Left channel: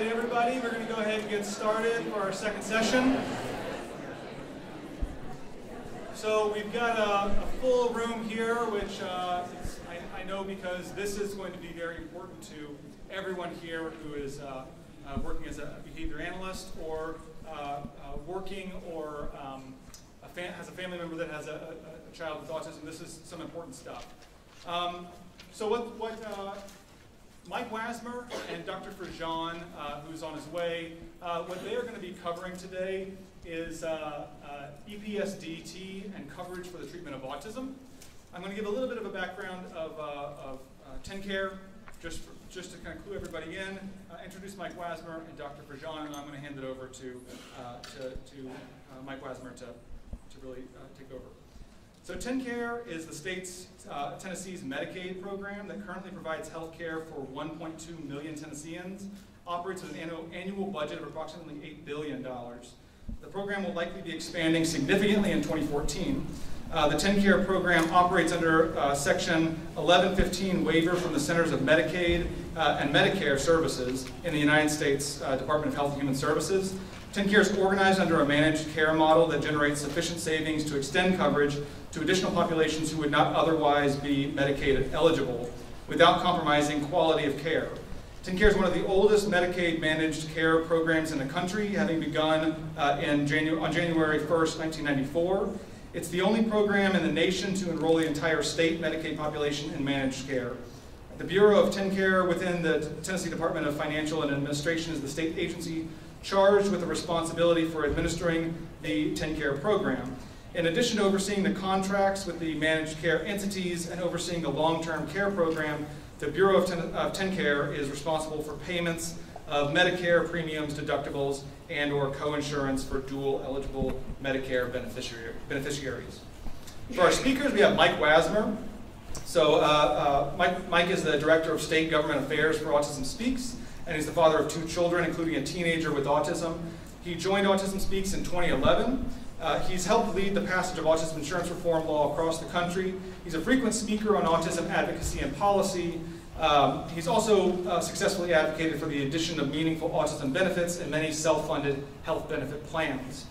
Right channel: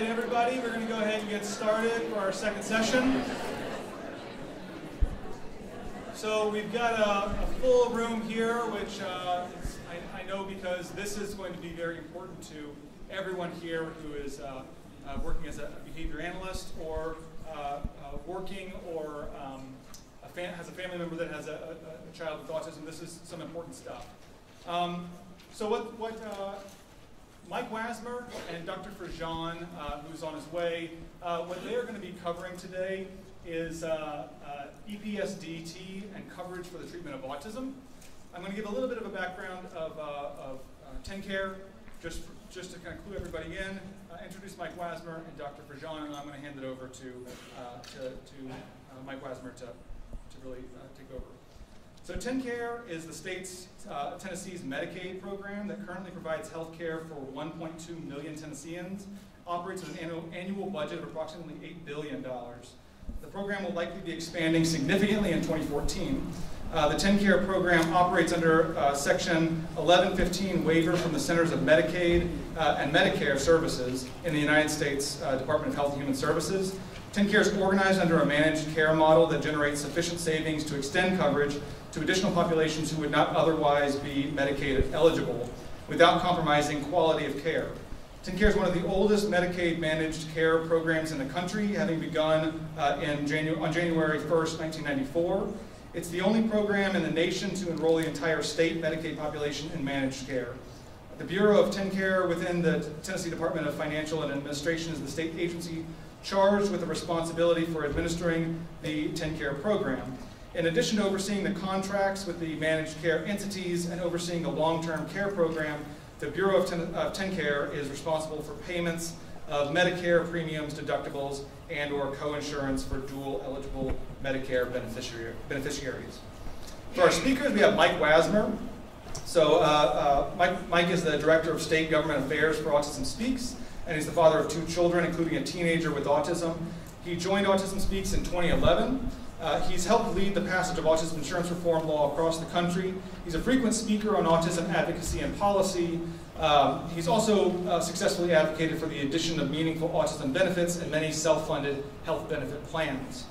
right, everybody, we're going to go ahead and get started for our second session. So we've got a full room here, which I know because this is going to be very important to everyone here who is working as a behavior analyst or working or has a family member that has a child with autism. This is some important stuff. So what Mike Wasmer and Dr. Frigon, who's on his way, what they are going to be covering today is EPSDT and coverage for the treatment of autism. I'm going to give a little bit of a background of TennCare, just to kind of clue everybody in, introduce Mike Wasmer and Dr. Frigon, and I'm going to hand it over to Mike Wasmer to really take over. So TennCare is the state's, Tennessee's Medicaid program that currently provides health care for 1.2 million Tennesseans, operates at an annual budget of approximately $8 billion. The program will likely be expanding significantly in 2014. The TennCare program operates under Section 1115 waiver from the Centers of Medicaid and Medicare Services in the United States Department of Health and Human Services. TennCare is organized under a managed care model that generates sufficient savings to extend coverage to additional populations who would not otherwise be Medicaid eligible without compromising quality of care. TennCare is one of the oldest Medicaid managed care programs in the country, having begun on January 1st, 1994. It's the only program in the nation to enroll the entire state Medicaid population in managed care. The Bureau of TennCare within the Tennessee Department of Financial and Administration is the state agency charged with the responsibility for administering the TennCare program. In addition to overseeing the contracts with the managed care entities and overseeing the long-term care program, the Bureau of TennCare is responsible for payments of Medicare premiums, deductibles, and or co-insurance for dual eligible Medicare beneficiaries. For our speakers, we have Mike Wasmer. So Mike is the Director of State Government Affairs for Autism Speaks, and he's the father of 2 children, including a teenager with autism. He joined Autism Speaks in 2011. He's helped lead the passage of autism insurance reform law across the country. He's a frequent speaker on autism advocacy and policy. He's also successfully advocated for the addition of meaningful autism benefits in many self-funded health benefit plans.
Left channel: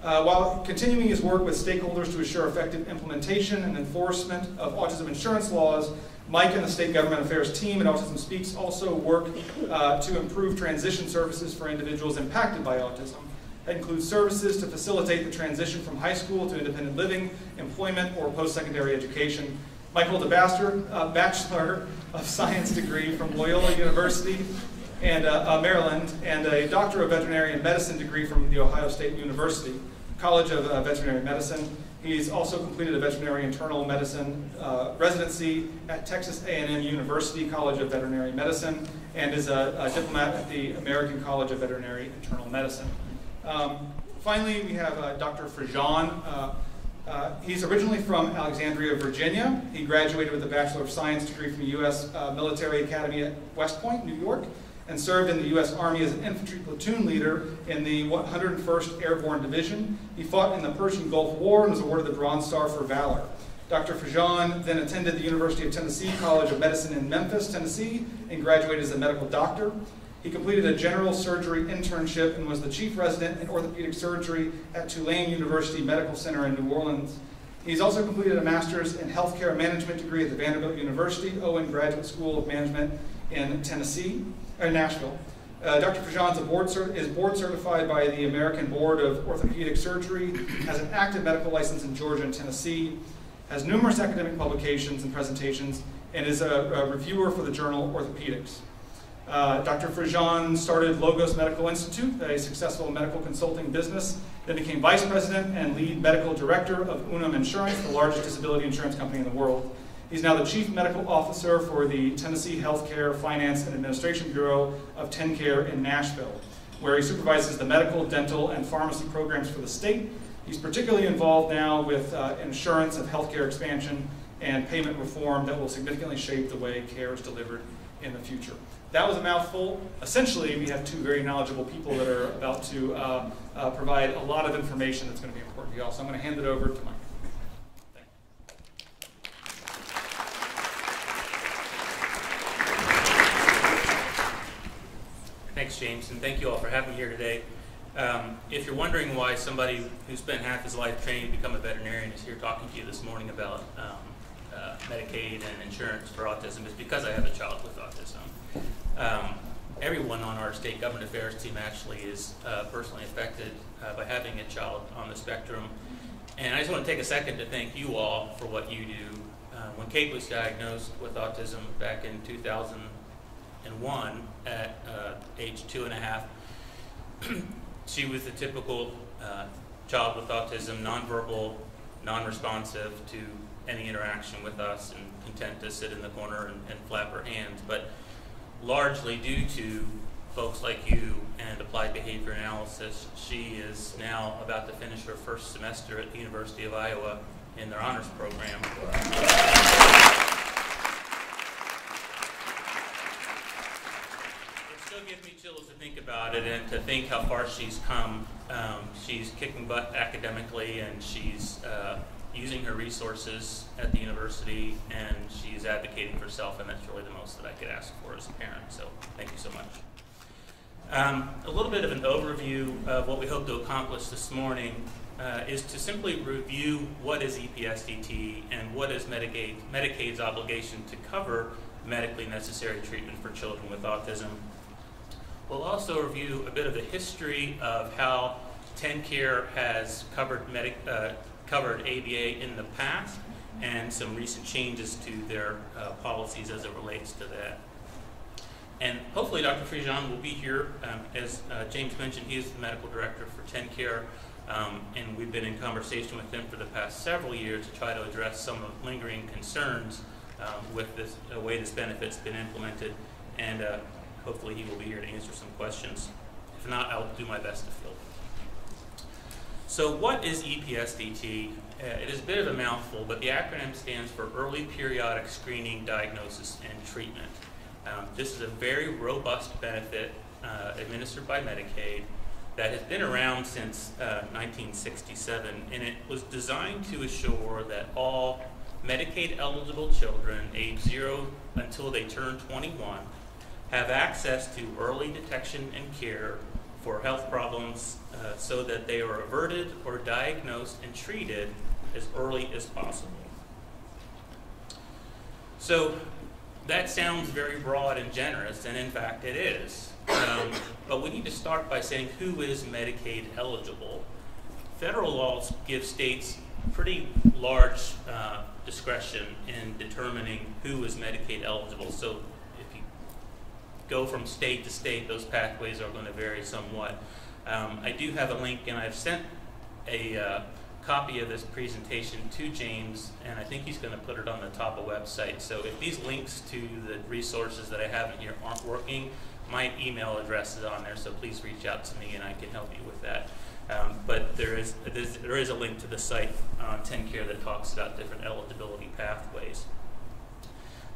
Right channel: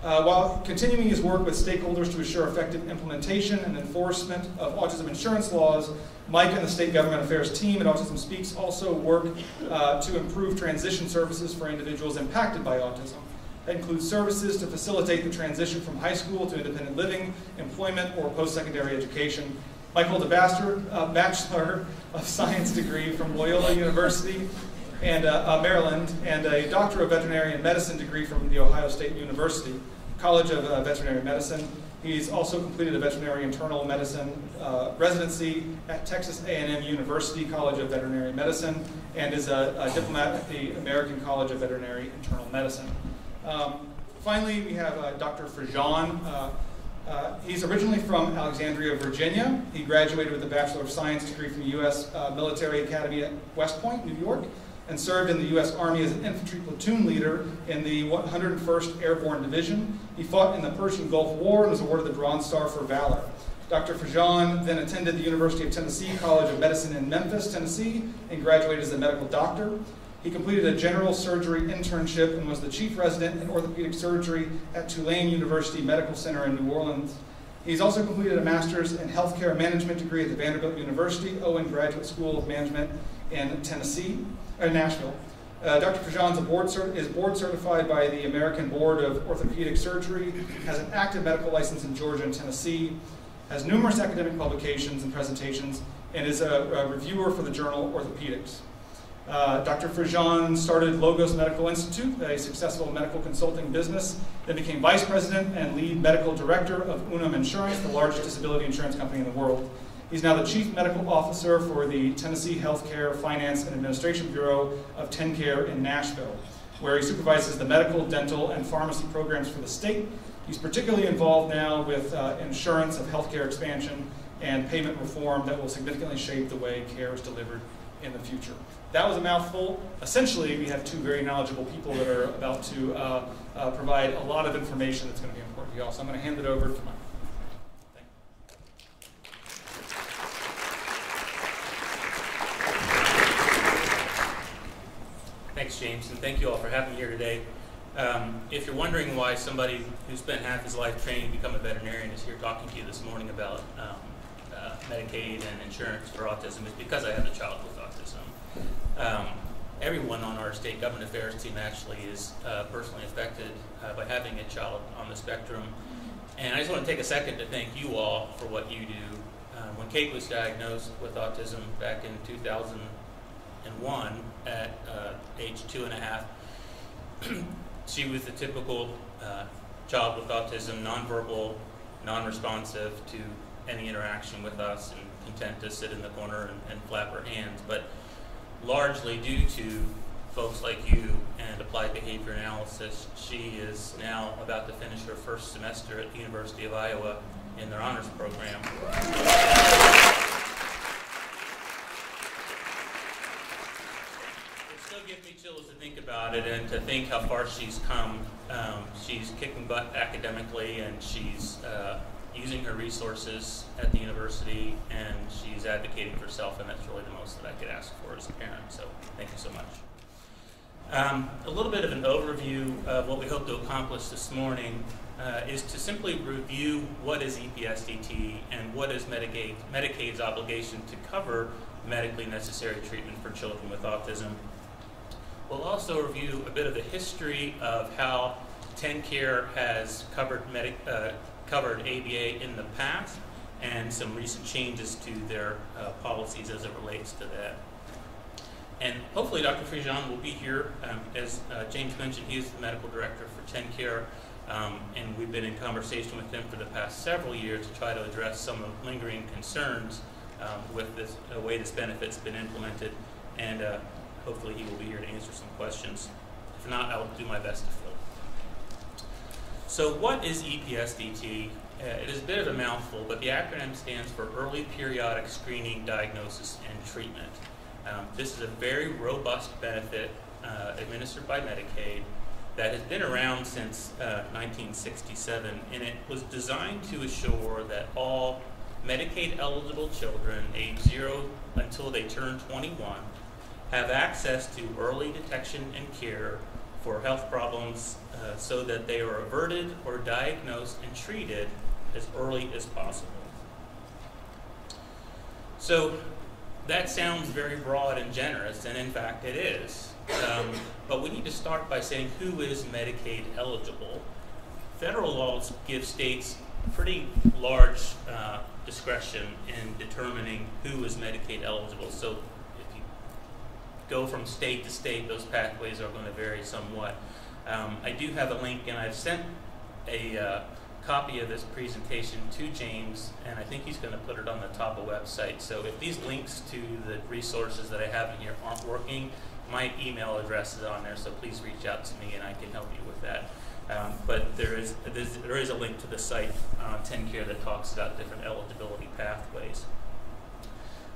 While continuing his work with stakeholders to assure effective implementation and enforcement of autism insurance laws, Mike and the State Government Affairs team at Autism Speaks also work to improve transition services for individuals impacted by autism. That includes services to facilitate the transition from high school to independent living, employment, or post-secondary education. Mike holds a Bachelor of Science degree from Loyola University and Maryland, and a Doctor of Veterinary Medicine degree from The Ohio State University College of Veterinary Medicine. He's also completed a veterinary internal medicine residency at Texas A&M University College of Veterinary Medicine, and is a diplomat at the American College of Veterinary Internal Medicine. Finally, we have Dr. Frigon. He's originally from Alexandria, Virginia. He graduated with a Bachelor of Science degree from the U.S. Military Academy at West Point, New York, and served in the U.S. Army as an infantry platoon leader in the 101st Airborne Division. He fought in the Persian Gulf War and was awarded the Bronze Star for Valor. Dr. Frigon then attended the University of Tennessee College of Medicine in Memphis, Tennessee, and graduated as a medical doctor. He completed a general surgery internship and was the chief resident in orthopedic surgery at Tulane University Medical Center in New Orleans. He's also completed a master's in healthcare management degree at the Vanderbilt University Owen Graduate School of Management in Nashville. Dr. Frigon is board certified by the American Board of Orthopedic Surgery, has an active medical license in Georgia and Tennessee, has numerous academic publications and presentations, and is a reviewer for the journal Orthopedics. Dr. Frigon started Logos Medical Institute, a successful medical consulting business, then became vice president and lead medical director of Unum Insurance, the largest disability insurance company in the world. He's now the chief medical officer for the Tennessee Healthcare Finance and Administration Bureau of TennCare in Nashville, where he supervises the medical, dental, and pharmacy programs for the state. He's particularly involved now with insurance of healthcare expansion and payment reform that will significantly shape the way care is delivered in the future. That was a mouthful. Essentially, we have 2 very knowledgeable people that are about to provide a lot of information that's going to be important to you all. So I'm going to hand it over to Mike. Thank Thanks, James, and thank you all for having me here today. If you're wondering why somebody who spent half his life training to become a veterinarian is here talking to you this morning about Medicaid and insurance for autism, it's because I have a child with autism. Everyone on our state government affairs team actually is personally affected by having a child on the spectrum. And I just want to take a second to thank you all for what you do. When Kate was diagnosed with autism back in 2001 at age 2.5, she was the typical child with autism, nonverbal, non-responsive to any interaction with us and content to sit in the corner and flap her hands. But largely due to folks like you and applied behavior analysis, she is now about to finish her first semester at the University of Iowa in their honors program. It still gives me chills to think about it and to think how far she's come. She's kicking butt academically, and she's using her resources at the university, and she's advocating for herself, and that's really the most that I could ask for as a parent. So thank you so much. A little bit of an overview of what we hope to accomplish this morning is to simply review what is EPSDT and what is Medicaid's obligation to cover medically necessary treatment for children with autism. We'll also review a bit of the history of how TennCare has covered ABA in the past and some recent changes to their policies as it relates to that. And hopefully Dr. Frigon will be here. As James mentioned, he is the medical director for TennCare, and we've been in conversation with him for the past several years to try to address some of the lingering concerns with this way this benefit's been implemented, and hopefully he will be here to answer some questions. If not, I'll do my best to fill. So what is EPSDT? It is a bit of a mouthful, but the acronym stands for Early Periodic Screening, Diagnosis, and Treatment. This is a very robust benefit administered by Medicaid that has been around since 1967, and it was designed to assure that all Medicaid-eligible children aged 0 until they turn 21 have access to early detection and care for health problems so that they are averted or diagnosed and treated as early as possible. So that sounds very broad and generous, and in fact it is. But we need to start by saying who is Medicaid eligible. Federal laws give states pretty large discretion in determining who is Medicaid eligible. So if you go from state to state, those pathways are going to vary somewhat. I do have a link, and I've sent a copy of this presentation to James, and I think he's going to put it on the TABA website. So if these links to the resources that I have in here aren't working, my email address is on there, so please reach out to me and I can help you with that. But there is a link to the site on TennCare that talks about different eligibility pathways.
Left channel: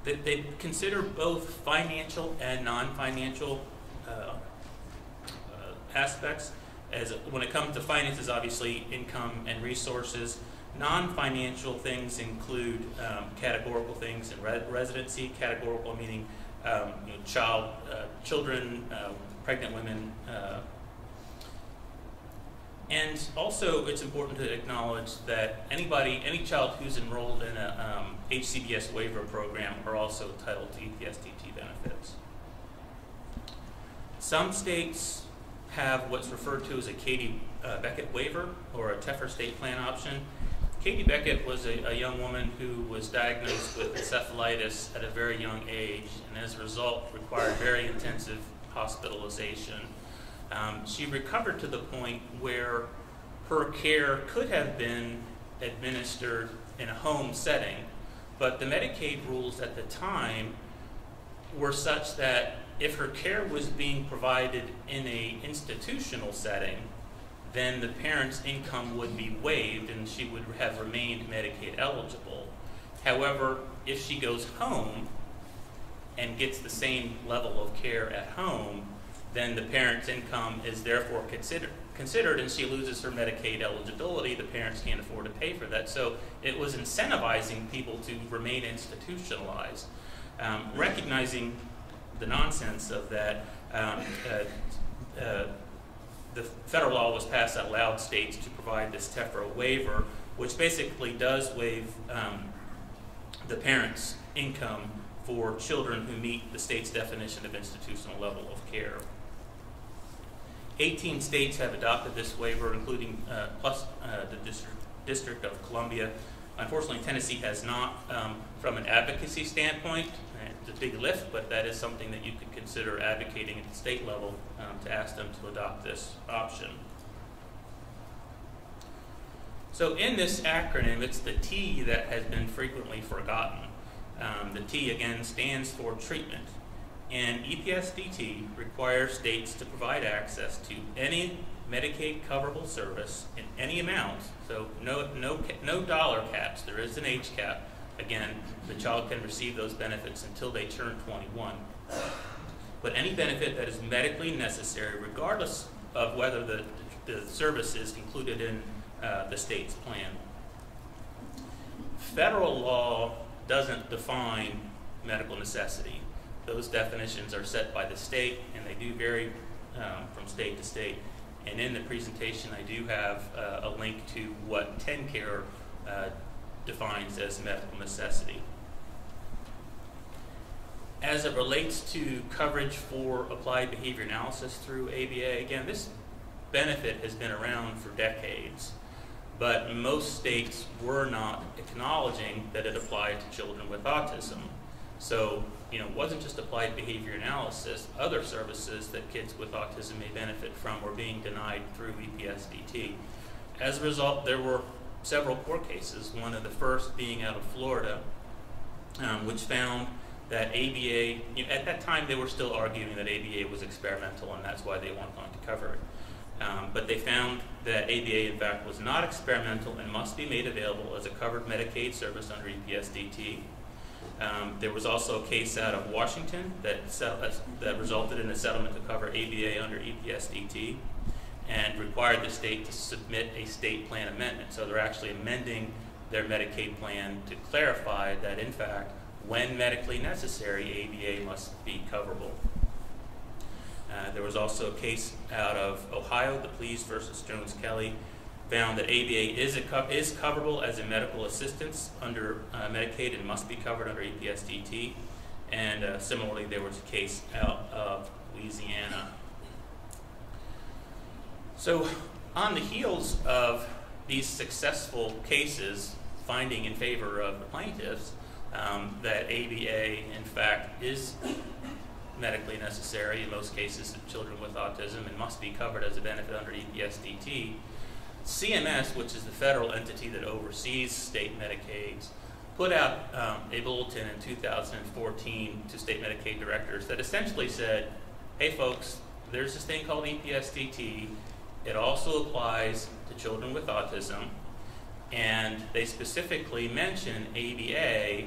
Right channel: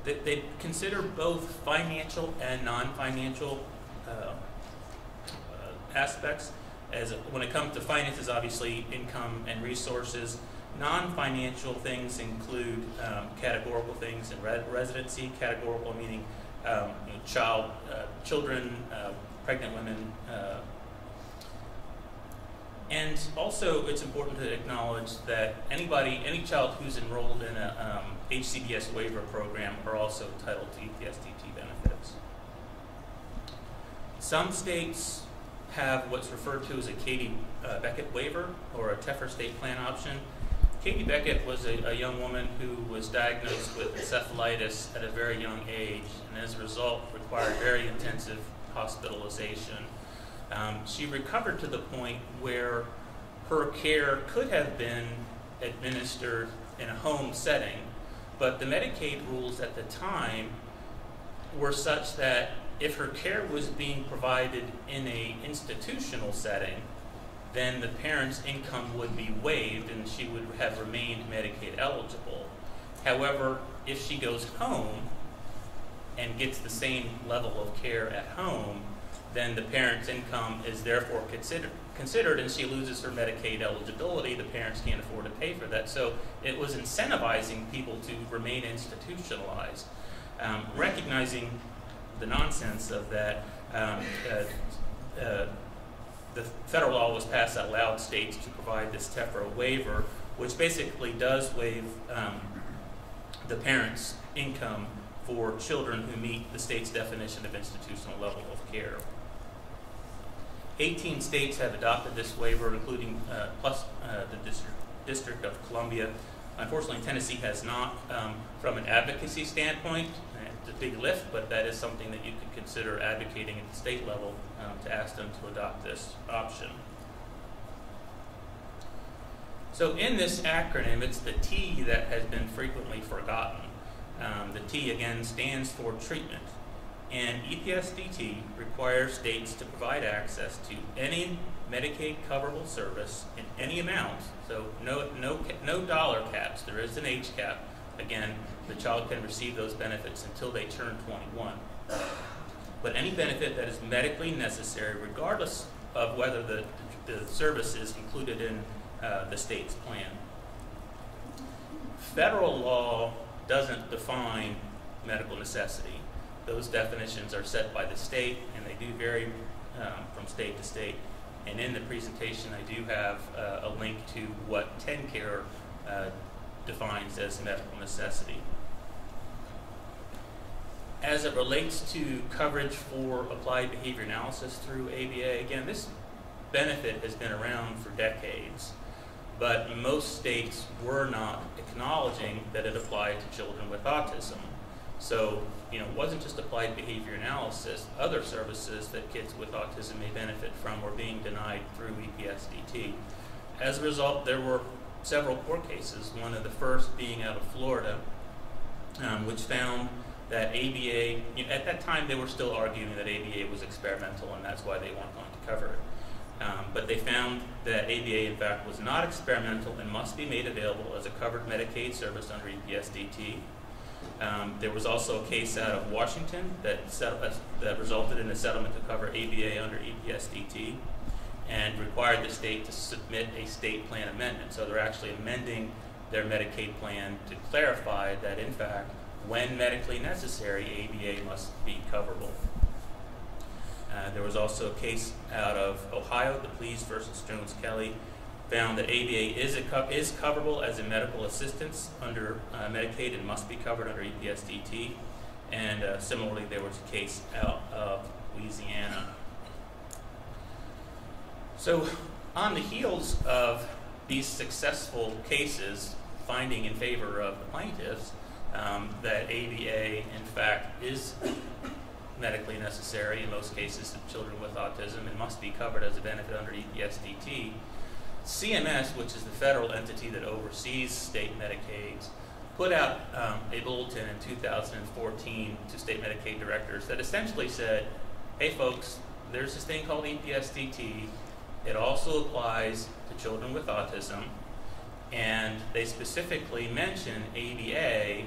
They consider both financial and non-financial aspects. When it comes to finances, obviously income and resources. Non-financial things include categorical things and residency. Categorical meaning children, pregnant women, and also it's important to acknowledge that any child who's enrolled in a HCBS waiver program are also entitled to EPSDT benefits. Some states have what's referred to as a Katie Beckett waiver or a TEFR state plan option. Katie Beckett was a young woman who was diagnosed with encephalitis at a very young age, and as a result required very intensive hospitalization. She recovered to the point where her care could have been administered in a home setting, but the Medicaid rules at the time were such that if her care was being provided in an institutional setting, then the parent's income would be waived and she would have remained Medicaid eligible. However, if she goes home and gets the same level of care at home, then the parent's income is therefore considered and she loses her Medicaid eligibility. The parents can't afford to pay for that. So it was incentivizing people to remain institutionalized. Recognizing the nonsense of that, The federal law was passed that allowed states to provide this TEFRA waiver, which basically does waive the parent's income for children who meet the state's definition of institutional level of care. 18 states have adopted this waiver, including plus the District of Columbia. Unfortunately, Tennessee has not. From an advocacy standpoint, it's a big lift, but that is something that you could consider advocating at the state level to ask them to adopt this option. So in this acronym, it's the T that has been frequently forgotten. The T, again, stands for treatment. And EPSDT requires states to provide access to any Medicaid coverable service in any amount. So no dollar caps. There is an age cap. Again, the child can receive those benefits until they turn 21. But any benefit that is medically necessary, regardless of whether the service is included in the state's plan. Federal law doesn't define medical necessity. Those definitions are set by the state, and they do vary from state to state. And in the presentation, I do have a link to what TennCare defines as medical necessity. As it relates to coverage for applied behavior analysis through ABA, again, this benefit has been around for decades, but most states were not acknowledging that it applied to children with autism. So, it wasn't just applied behavior analysis. Other services that kids with autism may benefit from were being denied through EPSDT. As a result, there were several court cases, one of the first being out of Florida, which found that ABA, at that time they were still arguing that ABA was experimental and that's why they weren't going to cover it. But they found that ABA, in fact, was not experimental and must be made available as a covered Medicaid service under EPSDT. There was also a case out of Washington that resulted in a settlement to cover ABA under EPSDT and required the state to submit a state plan amendment. So they're actually amending their Medicaid plan to clarify that, in fact, when medically necessary, ABA must be coverable. There was also a case out of Ohio, the Pleas versus Jones-Kelly, found that ABA is coverable as a medical assistance under Medicaid and must be covered under EPSDT. And similarly, there was a case out of Louisiana. So on the heels of these successful cases finding in favor of the plaintiffs that ABA, in fact, is medically necessary in most cases of children with autism and must be covered as a benefit under EPSDT, CMS, which is the federal entity that oversees state Medicaids, put out a bulletin in 2014 to state Medicaid directors that essentially said, hey folks, there's this thing called EPSDT. It also applies to children with autism, and they specifically mention ABA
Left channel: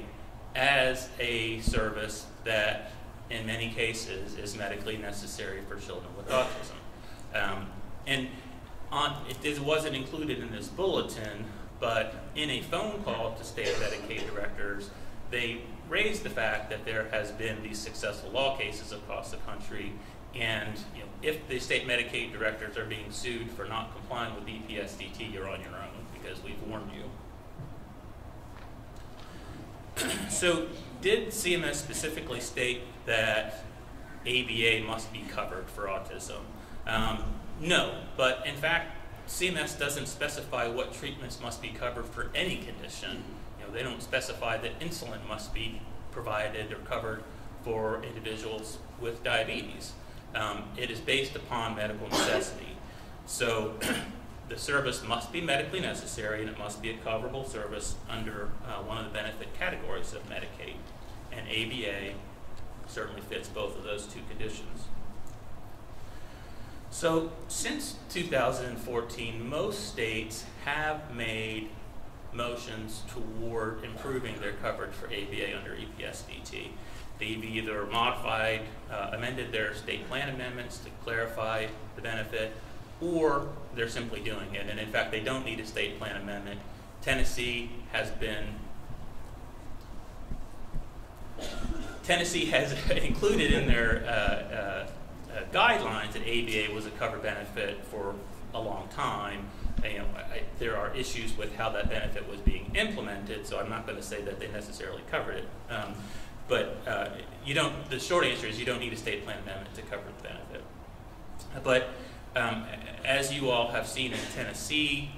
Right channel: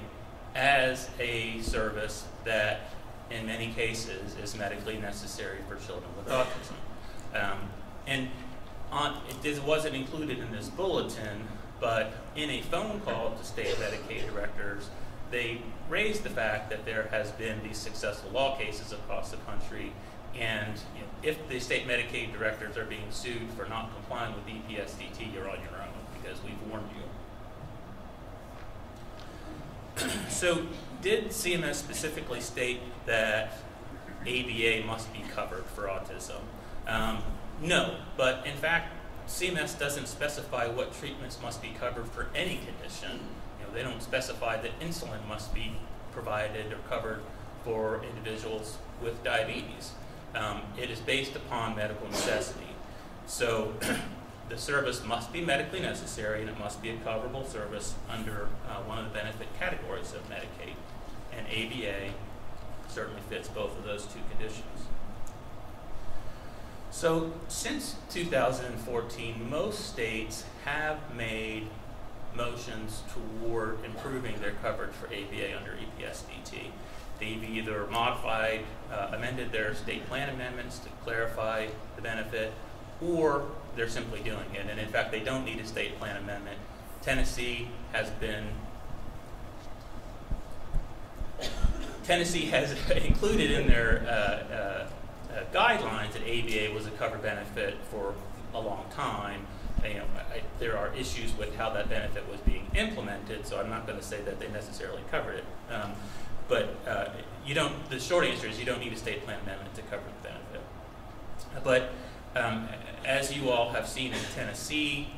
as a service that in many cases is medically necessary for children with autism. It wasn't included in this bulletin, but in a phone call to state Medicaid directors, they raised the fact that there has been these successful law cases across the country, and if the state Medicaid directors are being sued for not complying with EPSDT, you're on your own because we've warned you. So did CMS specifically state that ABA must be covered for autism? No, but in fact, CMS doesn't specify what treatments must be covered for any condition. They don't specify that insulin must be provided or covered for individuals with diabetes. It is based upon medical necessity. So the service must be medically necessary and it must be a coverable service under one of the benefit categories of Medicaid. And ABA certainly fits both of those two conditions. So since 2014, most states have made motions toward improving their coverage for ABA under EPSDT. They've either modified, amended their state plan amendments to clarify the benefit, or they're simply doing it. And in fact, they don't need a state plan amendment. Tennessee has included in their guidelines that ABA was a covered benefit for a long time. There are issues with how that benefit was being implemented, so I'm not going to say that they necessarily covered it. But you don't. The short answer is you don't need a state plan amendment to cover the benefit. But as you all have seen in Tennessee,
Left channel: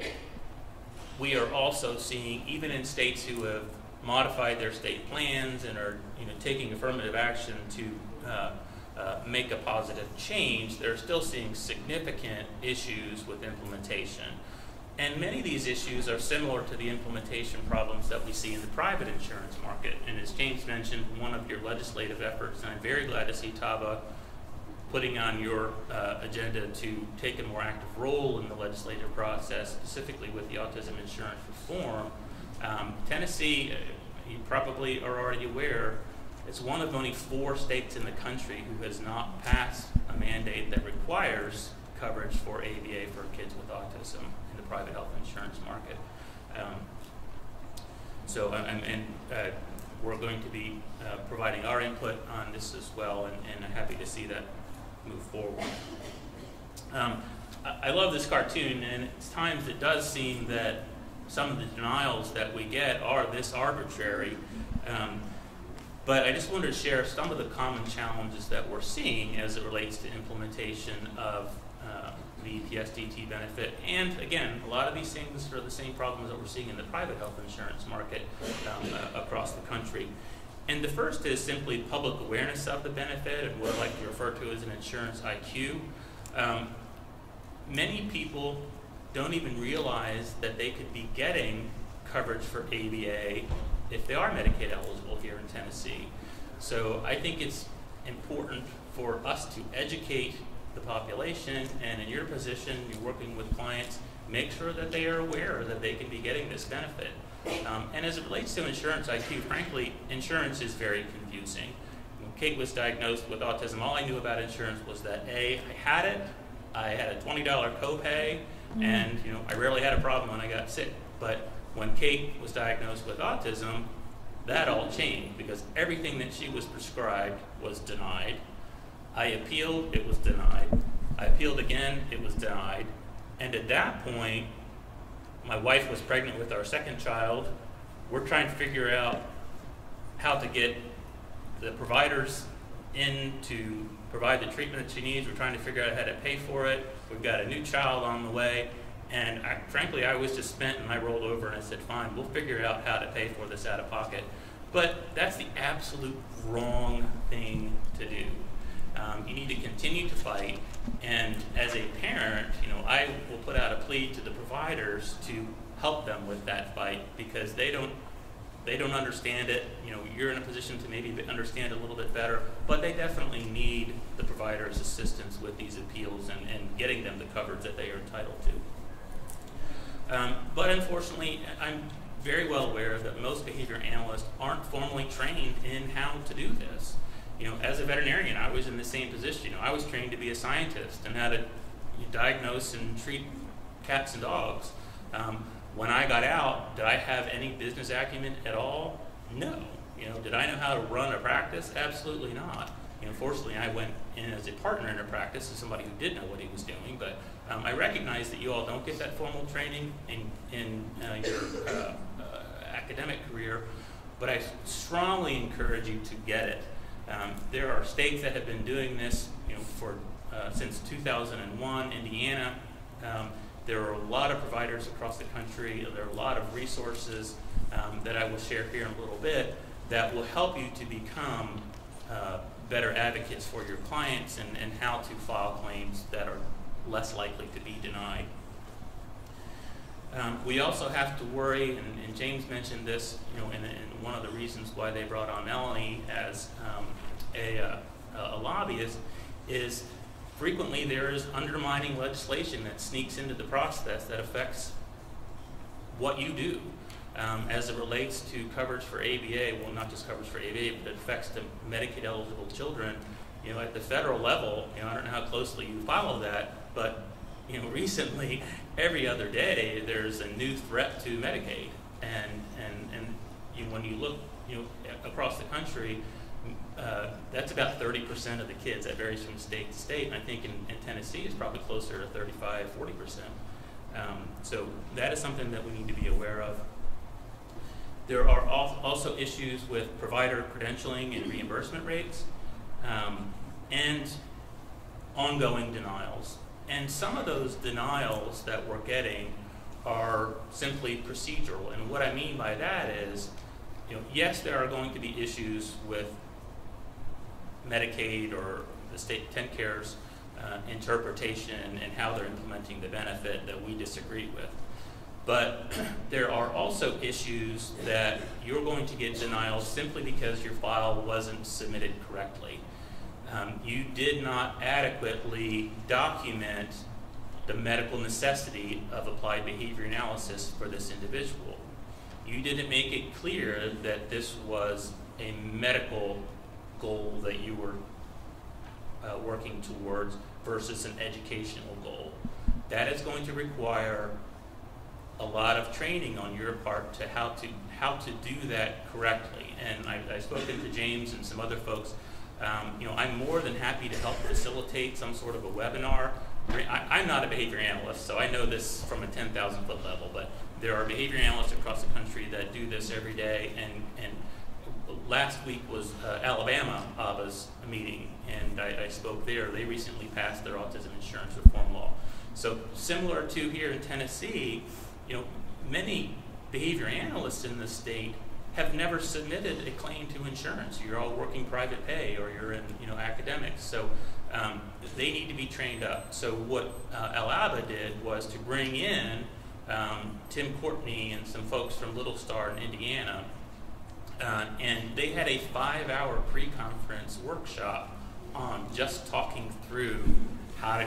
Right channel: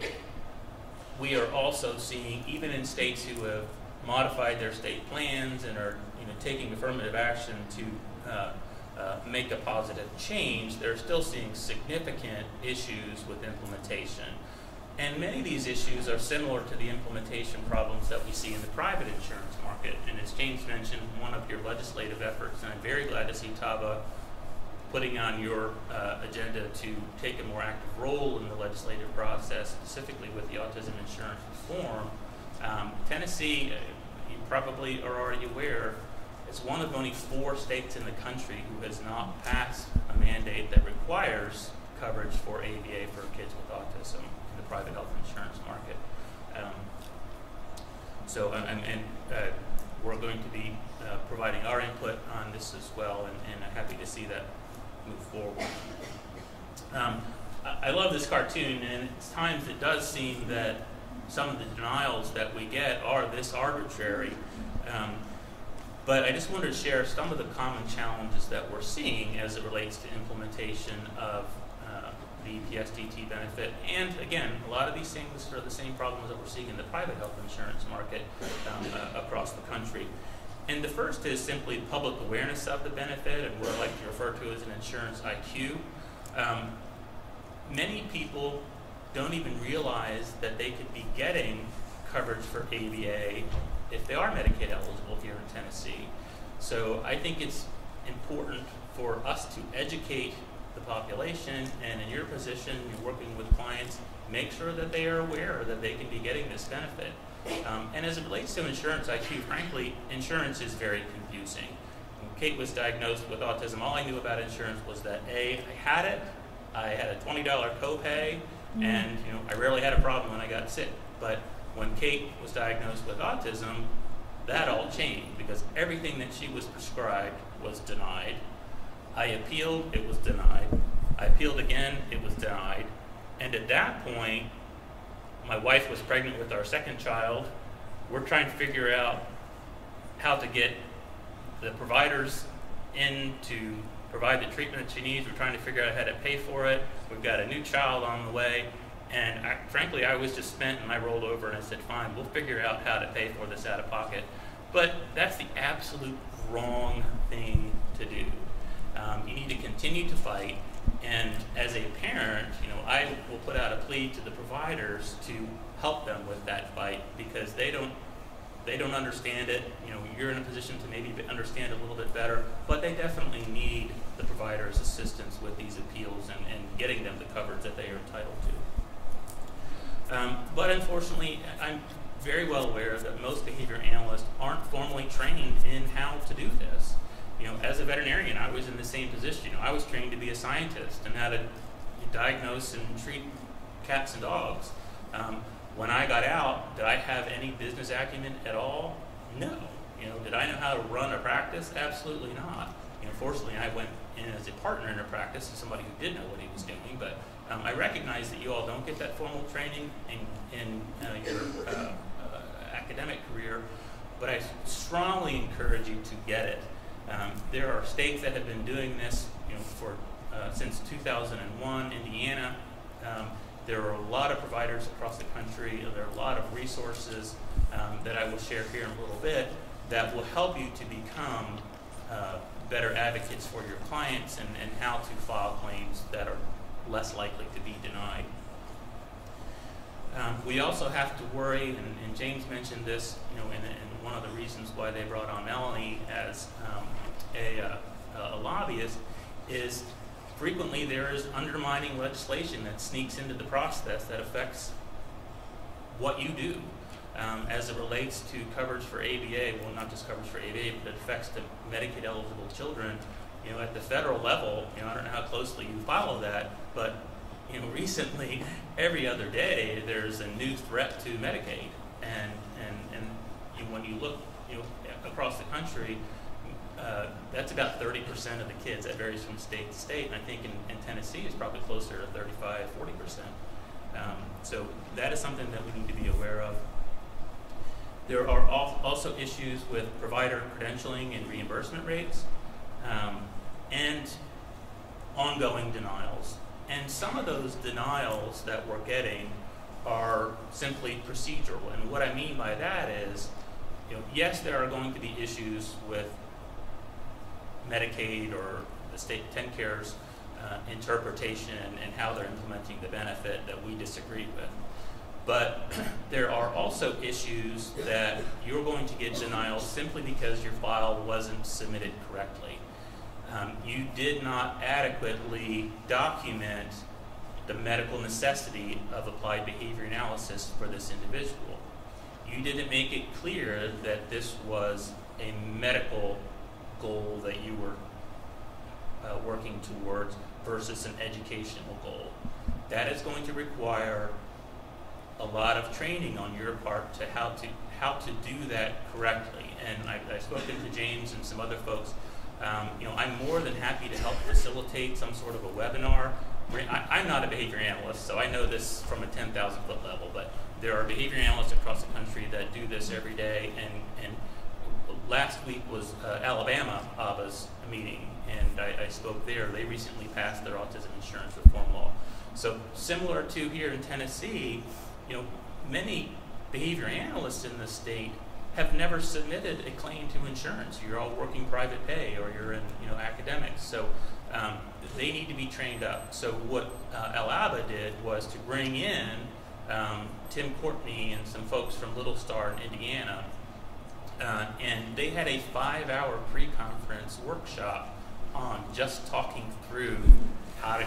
we are also seeing, even in states who have modified their state plans and are taking affirmative action to make a positive change, they're still seeing significant issues with implementation. And many of these issues are similar to the implementation problems that we see in the private insurance market. And as James mentioned, one of your legislative efforts, and I'm very glad to see TABA putting on your agenda to take a more active role in the legislative process, specifically with the autism insurance reform. Tennessee, you probably are already aware, is one of only 4 states in the country who has not passed a mandate that requires coverage for ABA for kids with autism in the private health insurance market. We're going to be providing our input on this as well, and I'm happy to see that move forward. I love this cartoon, and at times it does seem that some of the denials that we get are this arbitrary. But I just wanted to share some of the common challenges that we're seeing as it relates to implementation of the EPSDT benefit. And again, a lot of these things are the same problems that we're seeing in the private health insurance market across the country. And the first is simply public awareness of the benefit, and what I like to refer to as an insurance IQ. Many people don't even realize that they could be getting coverage for ABA if they are Medicaid eligible here in Tennessee. So I think it's important for us to educate the population, and in your position, you're working with clients, make sure that they are aware that they can be getting this benefit. And as it relates to insurance IQ, frankly, insurance is very confusing. When Kate was diagnosed with autism, all I knew about insurance was that I had it, I had a $20 copay, and I rarely had a problem when I got sick. But when Kate was diagnosed with autism, that all changed because everything that she was prescribed was denied. I appealed, it was denied. I appealed again, it was denied. And at that point, my wife was pregnant with our second child. We're trying to figure out how to get the providers in to provide the treatment that she needs. We're trying to figure out how to pay for it. We've got a new child on the way. And frankly, I was just spent, and I rolled over and I said, fine, we'll figure out how to pay for this out of pocket. But that's the absolute wrong thing to do. You need to continue to fight. And as a parent, I will put out a plea to the providers to help them with that fight because they don't understand it. You're in a position to maybe understand it a little bit better, but they definitely need the provider's assistance with these appeals and getting them the coverage that they are entitled to. But unfortunately, I'm very well aware that most behavior analysts aren't formally trained in how to do this. As a veterinarian, I was in the same position. I was trained to be a scientist and how to diagnose and treat cats and dogs. When I got out, did I have any business acumen at all? No. Did I know how to run a practice? Absolutely not. Fortunately, I went in as a partner in a practice as somebody who did know what he was doing, but I recognize that you all don't get that formal training in your academic career, but I strongly encourage you to get it. There are states that have been doing this, since 2001. Indiana. There are a lot of providers across the country. There are a lot of resources that I will share here in a little bit that will help you to become better advocates for your clients and how to file claims that are less likely to be denied. We also have to worry, and James mentioned this, and one of the reasons why they brought on Melanie as a lobbyist is frequently there is undermining legislation that sneaks into the process that affects what you do as it relates to coverage for ABA. Well, not just coverage for ABA, but it affects the Medicaid-eligible children. At the federal level, I don't know how closely you follow that, but recently, every other day, there's a new threat to Medicaid, and when you look, across the country, That's about 30% of the kids. That varies from state to state, and I think in Tennessee it's probably closer to 35, 40%. So that is something that we need to be aware of. There are also issues with provider credentialing and reimbursement rates, and ongoing denials. And some of those denials that we're getting are simply procedural. And what I mean by that is, yes, there are going to be issues with Medicaid or the state TennCare's interpretation and how they're implementing the benefit that we disagree with. But there are also issues that you're going to get denials simply because your file wasn't submitted correctly. You did not adequately document the medical necessity of applied behavior analysis for this individual. You didn't make it clear that this was a medical goal that you were working towards versus an educational goal. That is going to require a lot of training on your part to how to do that correctly. And I've spoken to James and some other folks. I'm more than happy to help facilitate some sort of a webinar. I'm not a behavior analyst, so I know this from a 10,000-foot level, but there are behavior analysts across the country that do this every day, and last week was Alabama ABA's meeting, and I spoke there. They recently passed their autism insurance reform law. So similar to here in Tennessee, many behavior analysts in the state have never submitted a claim to insurance. You're all working private pay, or you're in academics. So they need to be trained up. So what ABA did was to bring in Tim Courtney and some folks from Little Star in Indiana, and they had a 5-hour pre-conference workshop on just talking through how to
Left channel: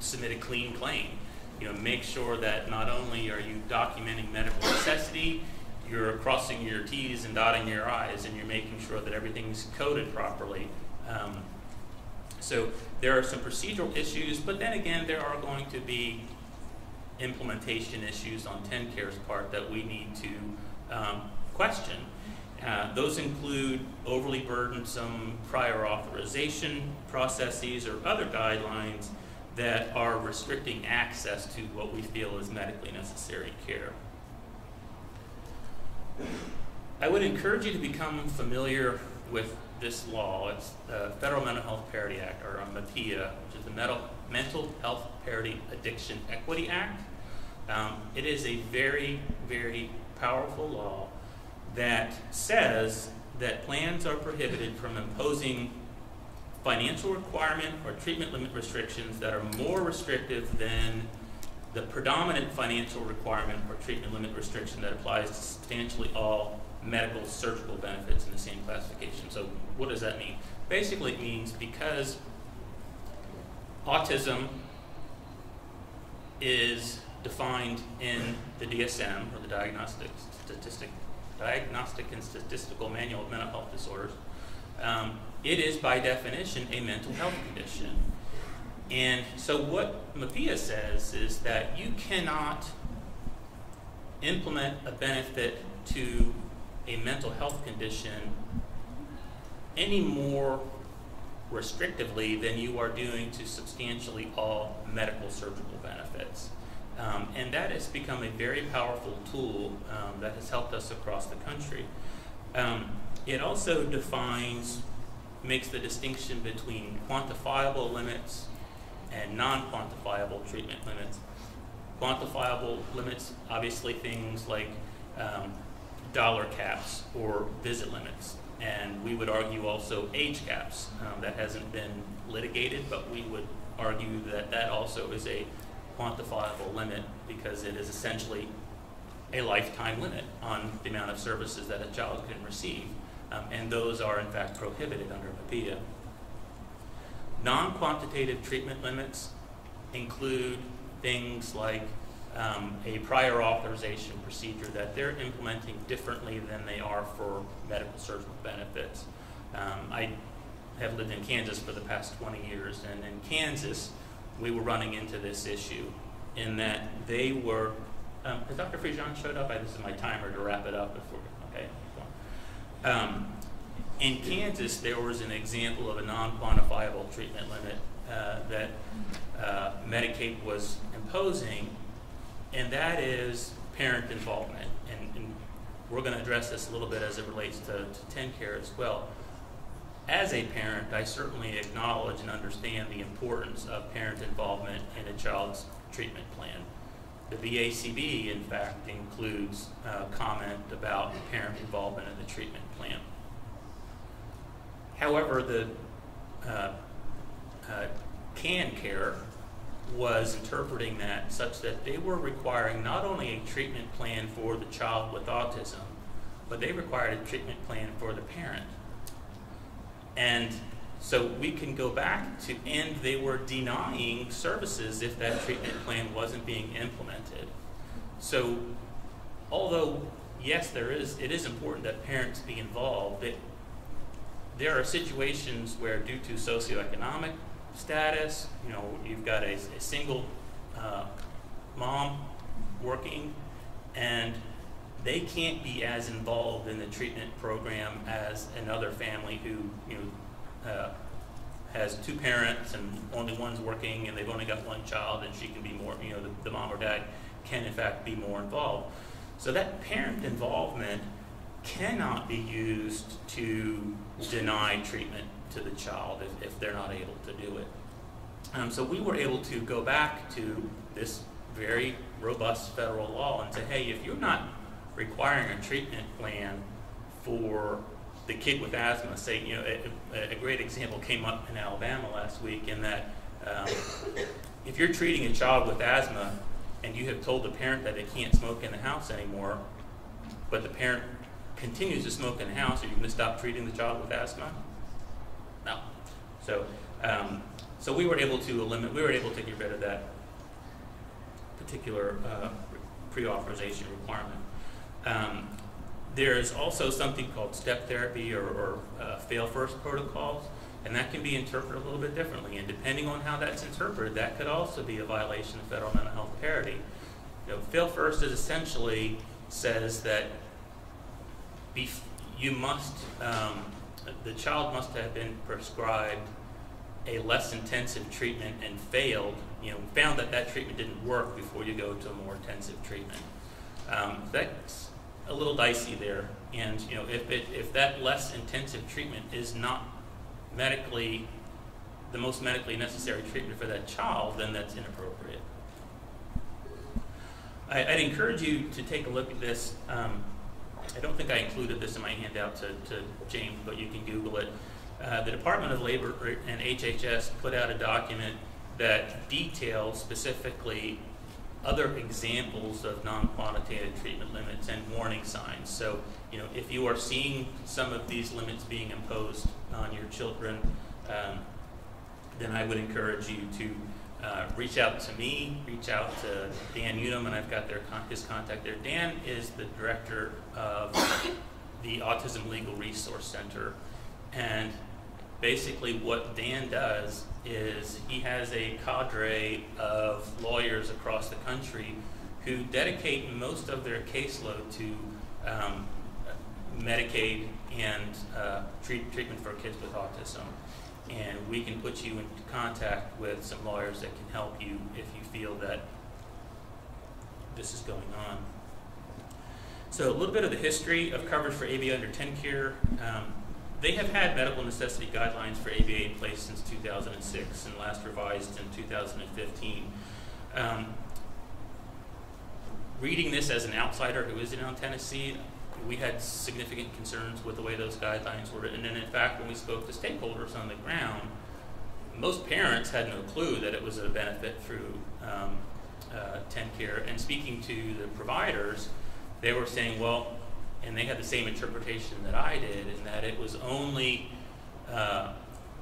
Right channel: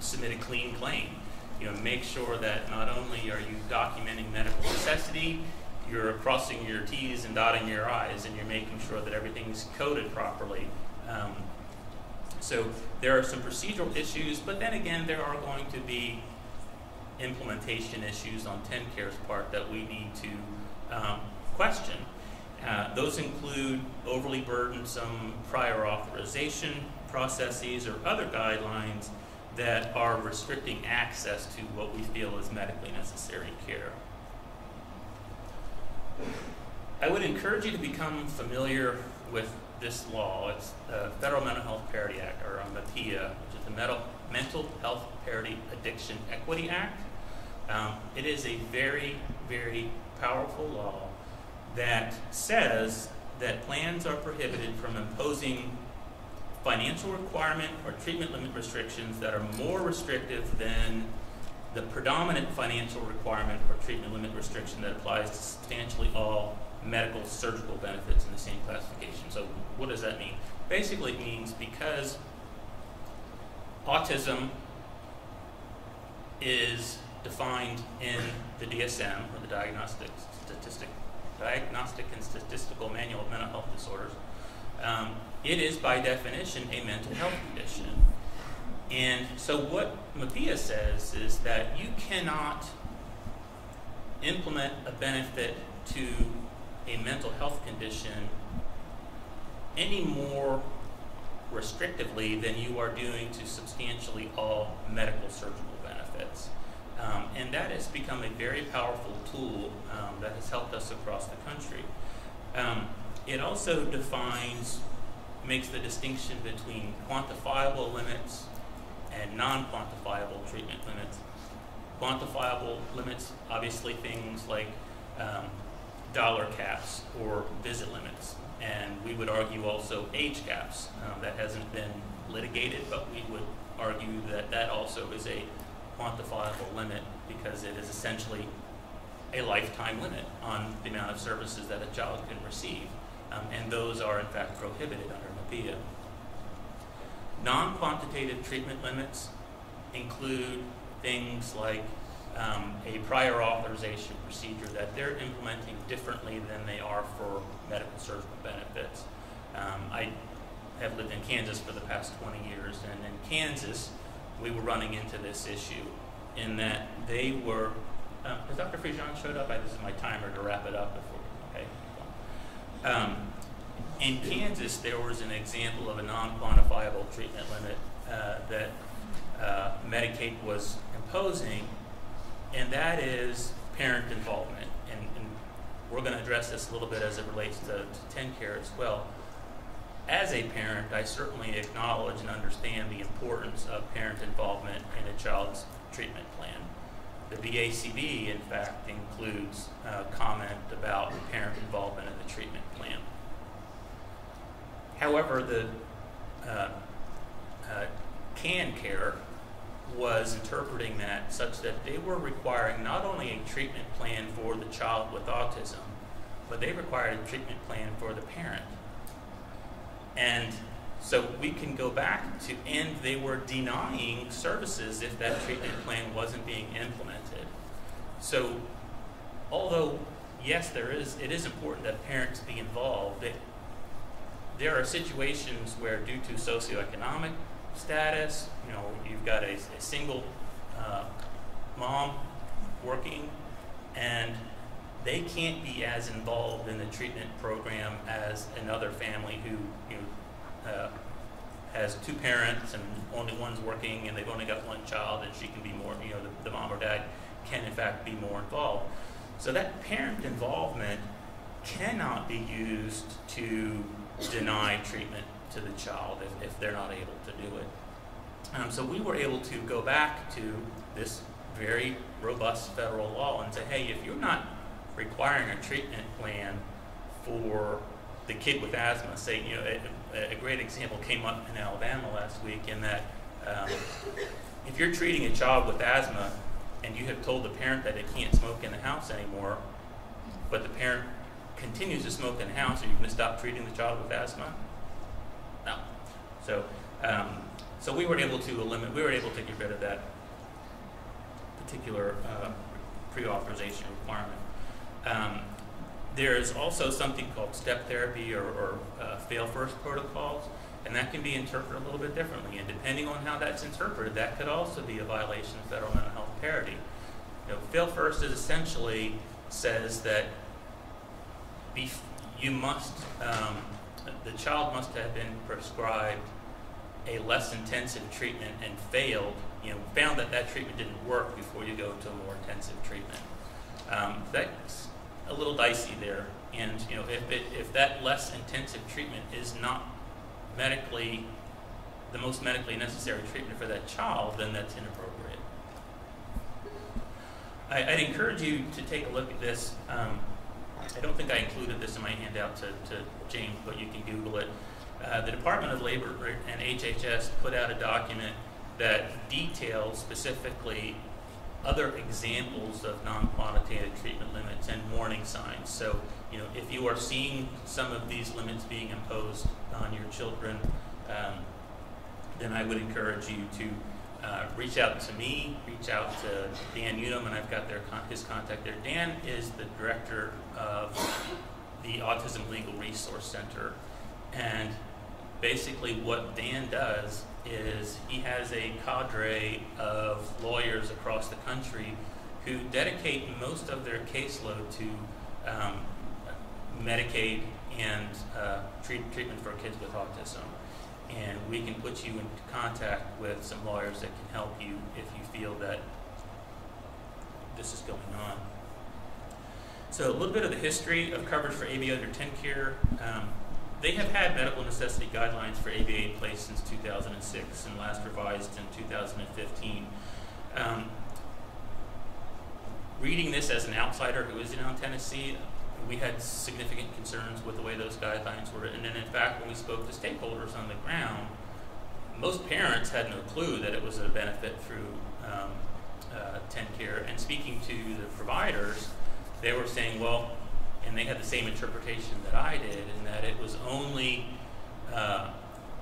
submit a clean claim. Make sure that not only are you documenting medical necessity, you're crossing your T's and dotting your I's, and you're making sure that everything's coded properly. So there are some procedural issues, but then again, there are going to be implementation issues on TennCare's part that we need to question. Those include overly burdensome prior authorization processes or other guidelines that are restricting access to what we feel is medically necessary care. I would encourage you to become familiar with this law. It's the Federal Mental Health Parity Act, or MAPIA, which is the Mental Health Parity Addiction Equity Act. It is a very, very powerful law that says that plans are prohibited from imposing financial requirement or treatment limit restrictions that are more restrictive than the predominant financial requirement or treatment limit restriction that applies to substantially all medical surgical benefits in the same classification. So what does that mean? Basically it means because autism is defined in the DSM, or the Diagnostic and Statistical Manual of Mental Health Disorders, it is by definition a mental health condition. And so what MAPIA says is that you cannot implement a benefit to a mental health condition any more restrictively than you are doing to substantially all medical surgical benefits. And that has become a very powerful tool that has helped us across the country. It also makes the distinction between quantifiable limits and non-quantifiable treatment limits. Quantifiable limits, obviously things like dollar caps or visit limits. And we would argue also age caps. That hasn't been litigated, but we would argue that that also is a quantifiable limit because it is essentially a lifetime limit on the amount of services that a child can receive. And those are in fact prohibited under MAPIA. Non-quantitative treatment limits include things like a prior authorization procedure that they're implementing differently than they are for medical surgical benefits. I have lived in Kansas for the past 20 years, and in Kansas we were running into this issue in that they were, has Dr. Frigon showed up? This is my timer to wrap it up before, okay. In Kansas, there was an example of a non-quantifiable treatment limit that Medicaid was imposing, and that is parent involvement. And we're going to address this a little bit as it relates to TennCare as well. As a parent, I certainly acknowledge and understand the importance of parent involvement in a child's treatment plan. The VACB, in fact, includes comment about parent involvement in the treatment plan. However, the TennCare was interpreting that such that they were requiring not only a treatment plan for the child with autism, but they required a treatment plan for the parent. And so we can go back to, and they were denying services if that treatment plan wasn't being implemented. So although, yes, it is important that parents be involved, there are situations where due to socioeconomic status, you've got a single mom working, and they can't be as involved in the treatment program as another family who has two parents and only one's working and they've only got one child, and she can be more, the mom or dad can in fact be more involved. So that parent involvement cannot be used to deny treatment to the child if they're not able to do it. So we were able to go back to this very robust federal law and say, hey, if you're not requiring a treatment plan for the kid with asthma, say, a great example came up in Alabama last week in that if you're treating a child with asthma and you have told the parent that they can't smoke in the house anymore, but the parent continues to smoke in the house, are you going to stop treating the child with asthma? No. So we were able to get rid of that particular pre-authorization requirement. There's also something called step therapy or fail first protocols, and that can be interpreted a little bit differently. And depending on how that's interpreted, that could also be a violation of federal mental health parity. Fail first is essentially says that you must, the child must have been prescribed a less intensive treatment and found that treatment didn't work before you go to a more intensive treatment. That's a little dicey there, and if that less intensive treatment is not the most medically necessary treatment for that child, then that's inappropriate. I'd encourage you to take a look at this. I don't think I included this in my handout to James, but you can Google it. The Department of Labor and HHS put out a document that details specifically other examples of non-quantitative treatment limits and warning signs. So, if you are seeing some of these limits being imposed on your children, then I would encourage you to reach out to me, reach out to Dan Unum, and I've got his contact there. Dan is the director of the Autism Legal Resource Center, and basically what Dan does is he has a cadre of lawyers across the country who dedicate most of their caseload to Medicaid and treatment for kids with autism. And we can put you in contact with some lawyers that can help you if you feel that this is going on. So a little bit of the history of coverage for ABA under TennCare. They have had medical necessity guidelines for ABA in place since 2006 and last revised in 2015. Reading this as an outsider who isn't in Tennessee, we had significant concerns with the way those guidelines were written. And in fact, when we spoke to stakeholders on the ground, most parents had no clue that it was a benefit through TennCare. And speaking to the providers, they were saying, well, and they had the same interpretation that I did, in that it was only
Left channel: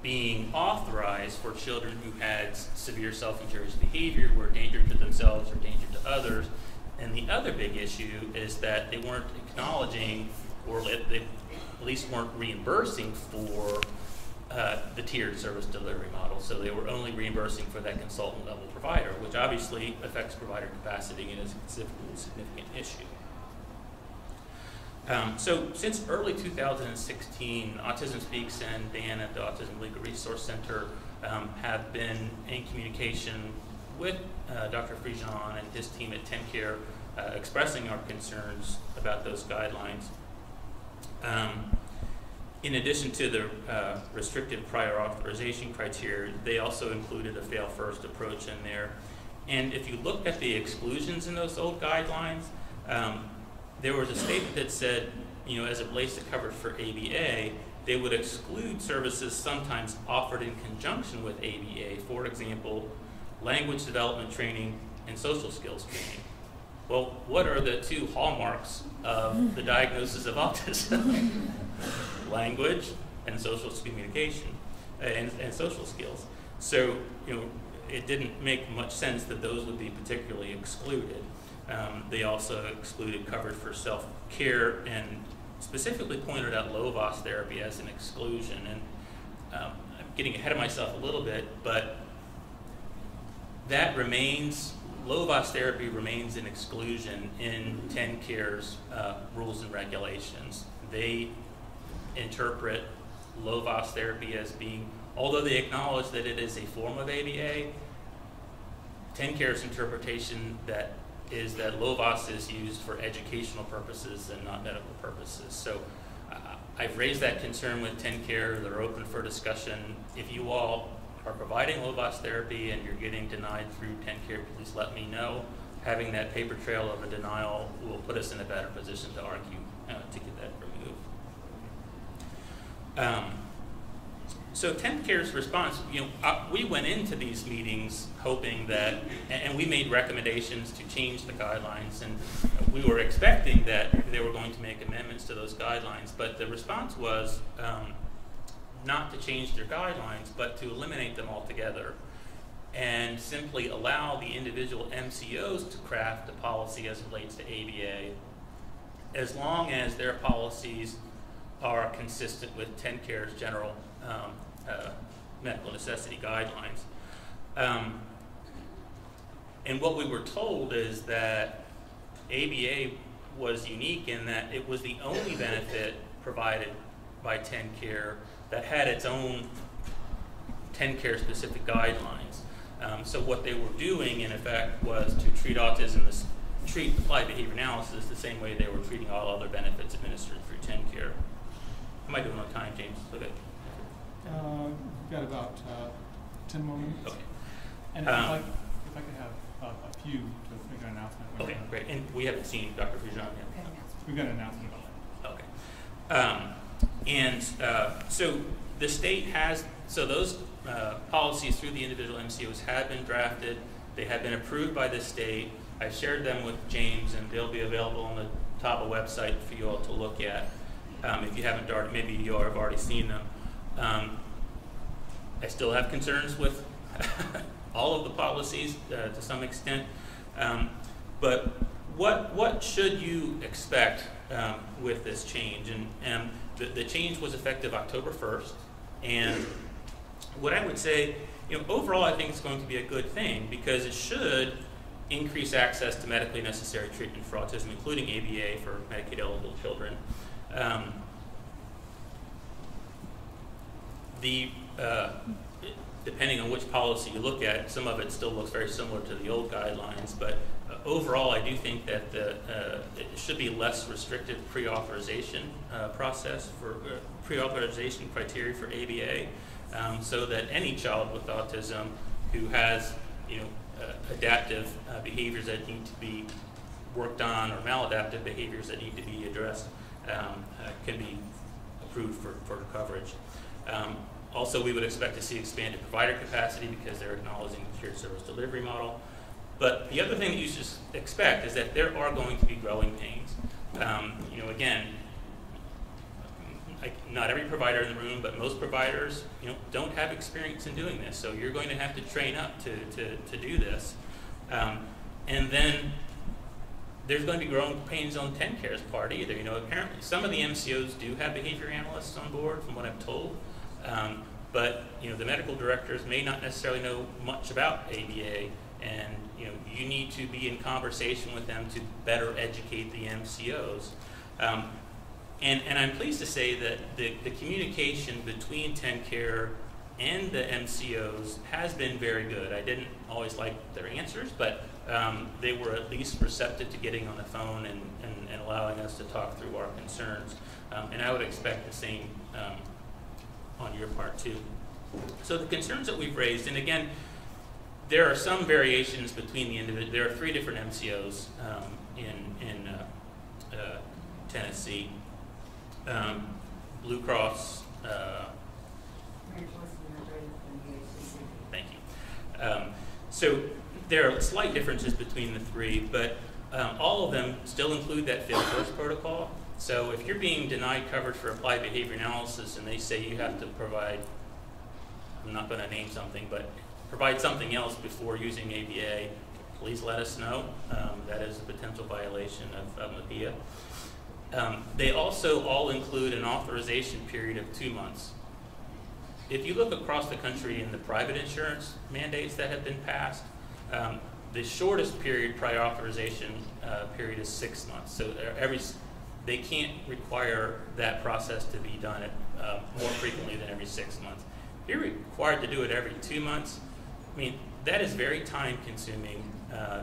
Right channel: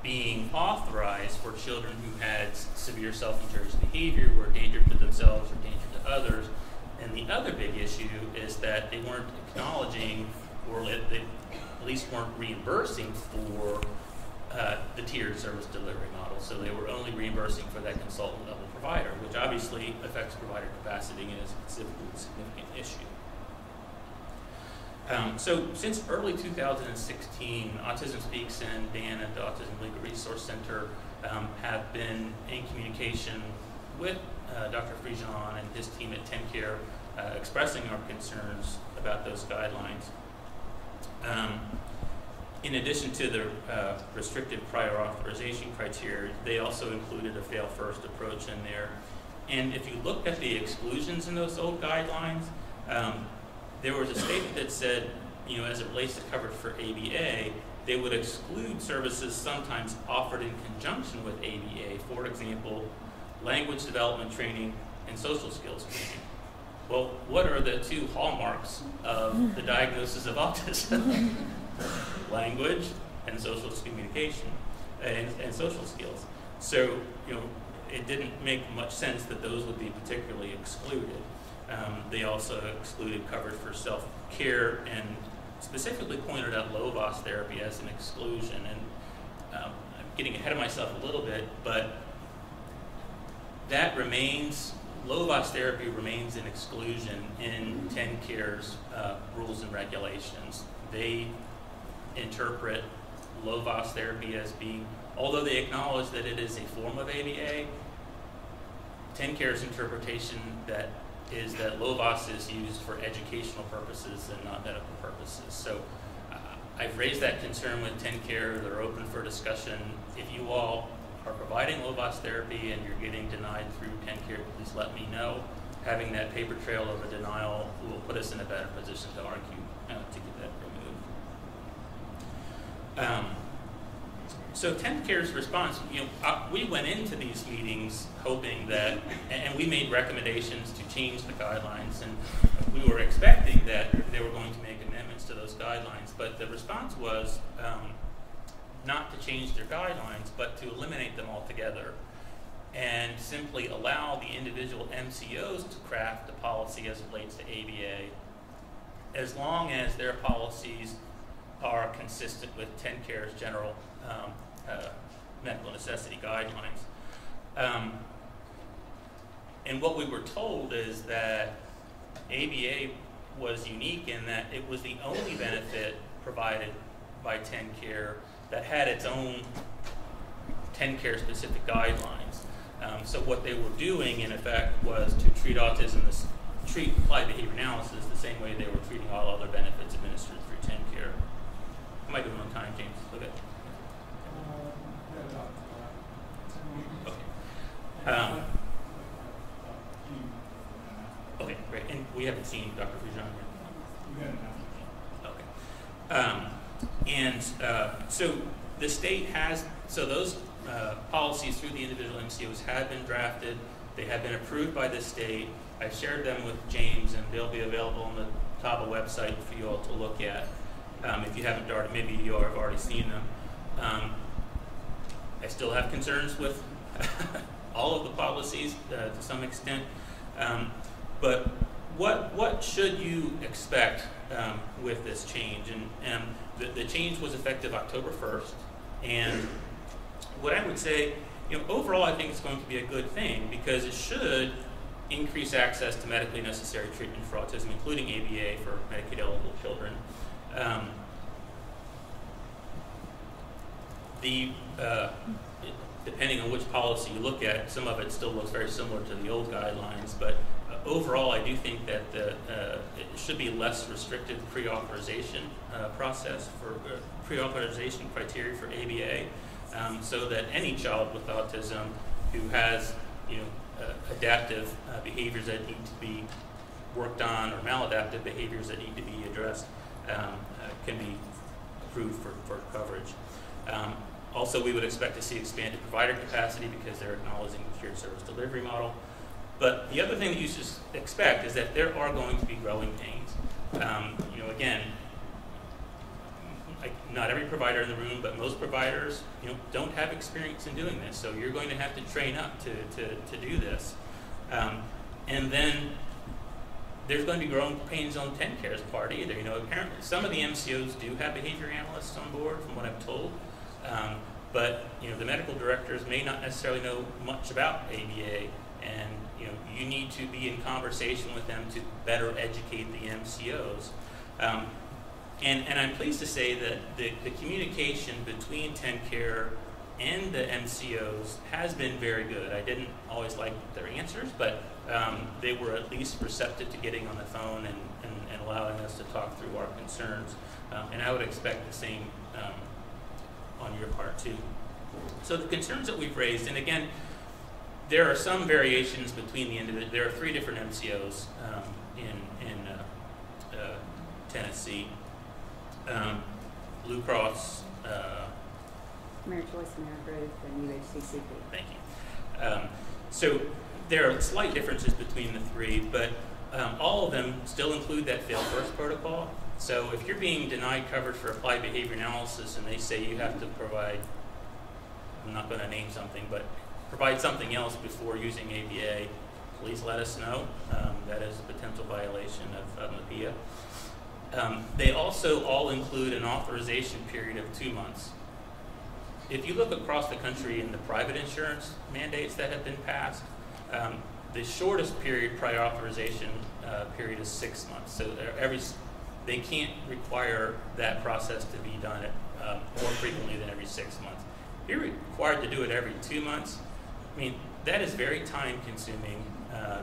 being authorized for children who had severe self-injurious behavior, were a danger to themselves or danger to others. And the other big issue is that they weren't acknowledging, or they at least weren't reimbursing for the tiered service delivery model. So they were only reimbursing for that consultant level provider, which obviously affects provider capacity and is a significant issue. So since early 2016, Autism Speaks and Dan at the Autism Legal Resource Center have been in communication with Dr. Frigon and his team at TennCare, expressing our concerns about those guidelines. In addition to the restrictive prior authorization criteria, they also included a fail-first approach in there. And if you look at the exclusions in those old guidelines, there was a statement that said, as it relates to coverage for ABA, they would exclude services sometimes offered in conjunction with ABA, for example, language development training and social skills training. Well, what are the two hallmarks of the diagnosis of autism? Language and social communication and social skills. So, it didn't make much sense that those would be particularly excluded. They also excluded coverage for self-care and specifically pointed out low-VOS therapy as an exclusion. And I'm getting ahead of myself a little bit, but that remains, low-VOS therapy remains an exclusion in TennCare's rules and regulations. They interpret low-VOS therapy as being, although they acknowledge that it is a form of ABA, TennCare's interpretation is that low-VOS is used for educational purposes and not medical purposes. So I've raised that concern with TennCare. They're open for discussion. If you all are providing low-VOS therapy and you're getting denied through TennCare, please let me know. Having that paper trail of a denial will put us in a better position to argue to get that removed. So TennCare's response, we went into these meetings hoping that, and we made recommendations to change the guidelines, and we were expecting that they were going to make amendments to those guidelines, but the response was not to change their guidelines, but to eliminate them altogether and simply allow the individual MCOs to craft a policy as it relates to ABA, as long as their policies are consistent with TennCare's general medical necessity guidelines. And what we were told is that ABA was unique in that it was the only benefit provided by TennCare that had its own TennCare specific guidelines. So what they were doing in effect was to treat autism, treat applied behavior analysis the same way they were treating all other benefits administered through TennCare. How am I doing on time, James? Okay. We've got about 10 more minutes. Okay. And I have a few announcements. Okay, great. And we haven't seen Dr. Frigon yet. We've got an announcement. Okay. So the state has, so those policies through the individual MCOs have been drafted. They have been approved by the state. I've shared them with James, and they'll be available on the TABA website for you all to look at. If you haven't already, maybe you have already seen them. I still have concerns with all of the policies to some extent, but what should you expect with this change? And the change was effective October 1st, and what I would say, overall I think it's going to be a good thing because it should increase access to medically necessary treatment for autism, including ABA for Medicaid-eligible children. Depending on which policy you look at, some of it still looks very similar to the old guidelines, but overall I do think that it should be less restrictive pre-authorization process for pre-authorization criteria for ABA, so that any child with autism who has adaptive behaviors that need to be worked on or maladaptive behaviors that need to be addressed can be approved for coverage. Also, we would expect to see expanded provider capacity because they're acknowledging the shared service delivery model. But the other thing that you should expect is that there are going to be growing pains. Again, not every provider in the room, but most providers, don't have experience in doing this. So you're going to have to train up to do this. And then there's going to be growing pains on TennCare's part either. Apparently some of the MCOs do have behavior analysts on board, from what I'm told. But the medical directors may not necessarily know much about ABA, and you need to be in conversation with them to better educate the MCOs. And I'm pleased to say that the communication between TennCare and the MCOs has been very good. I didn't always like their answers, but they were at least receptive to getting on the phone and allowing us to talk through our concerns. And I would expect the same on your part too. So the concerns that we've raised, and again, there are some variations between the individual. There are 3 different MCOs in Tennessee. Blue Cross. Thank you. So there are slight differences between the 3, but all of them still include that fail first protocol. So if you're being denied coverage for applied behavior analysis and they say you have to provide, I'm not going to name something, but provide something else before using ABA, please let us know. That is a potential violation of MAPIA. They also all include an authorization period of 2 months. If you look across the country in the private insurance mandates that have been passed, the shortest period prior authorization period is 6 months. So they can't require that process to be done more frequently than every 6 months. If you're required to do it every 2 months, I mean, that is very time consuming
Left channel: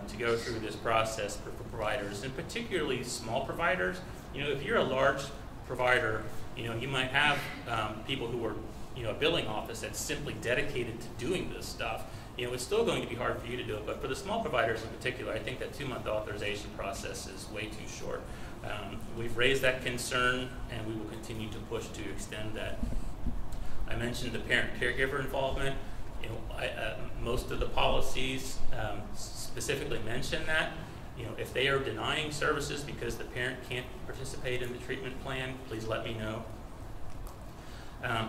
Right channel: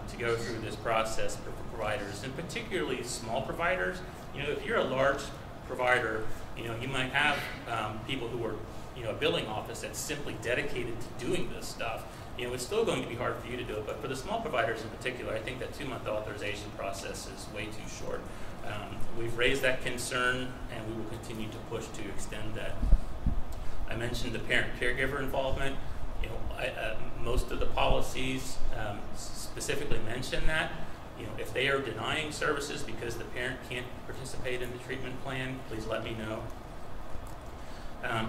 to go through this process for providers, and particularly small providers. You know, if you're a large provider, you know, you might have people who are, you know, a billing office that's simply dedicated to doing this stuff. You know, it's still going to be hard for you to do it, but for the small providers in particular, I think that 2-month authorization process is way too short. We've raised that concern, and we will continue to push to extend that. I mentioned the parent-caregiver involvement. You know, most of the policies specifically mention that. You know, if they are denying services because the parent can't participate in the treatment plan, please let me know.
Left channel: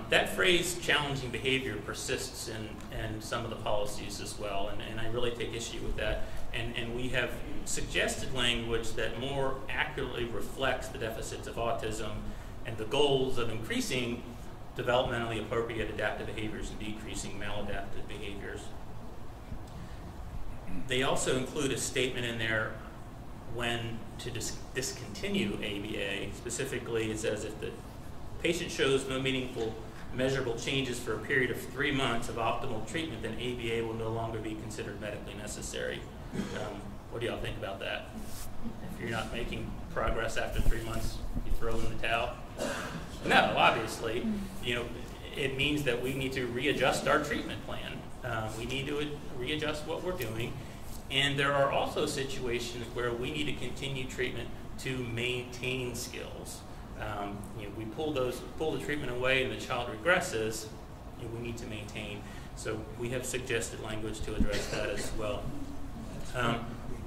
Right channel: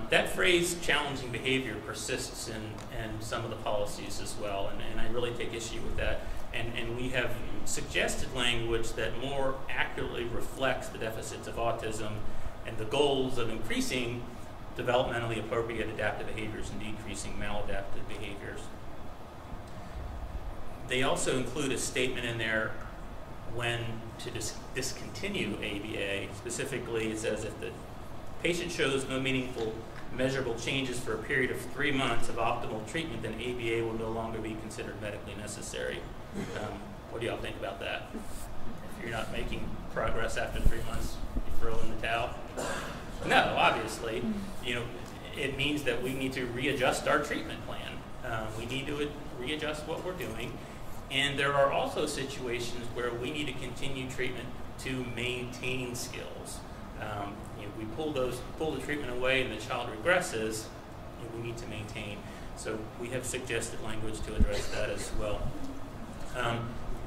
That phrase, challenging behavior, persists in some of the policies as well, and I really take issue with that. And we have suggested language that more accurately reflects the deficits of autism and the goals of increasing developmentally appropriate adaptive behaviors and decreasing maladaptive behaviors. They also include a statement in there when to discontinue ABA. Specifically, it says if the patient shows no meaningful measurable changes for a period of 3 months of optimal treatment, then ABA will no longer be considered medically necessary. What do y'all think about that? If you're not making progress after 3 months, you throw in the towel? No, obviously. You know, it means that we need to readjust our treatment plan. We need to readjust what we're doing. And there are also situations where we need to continue treatment to maintain skills. You know, we pull the treatment away and the child regresses, you know, we need to maintain. So we have suggested language to address that as well.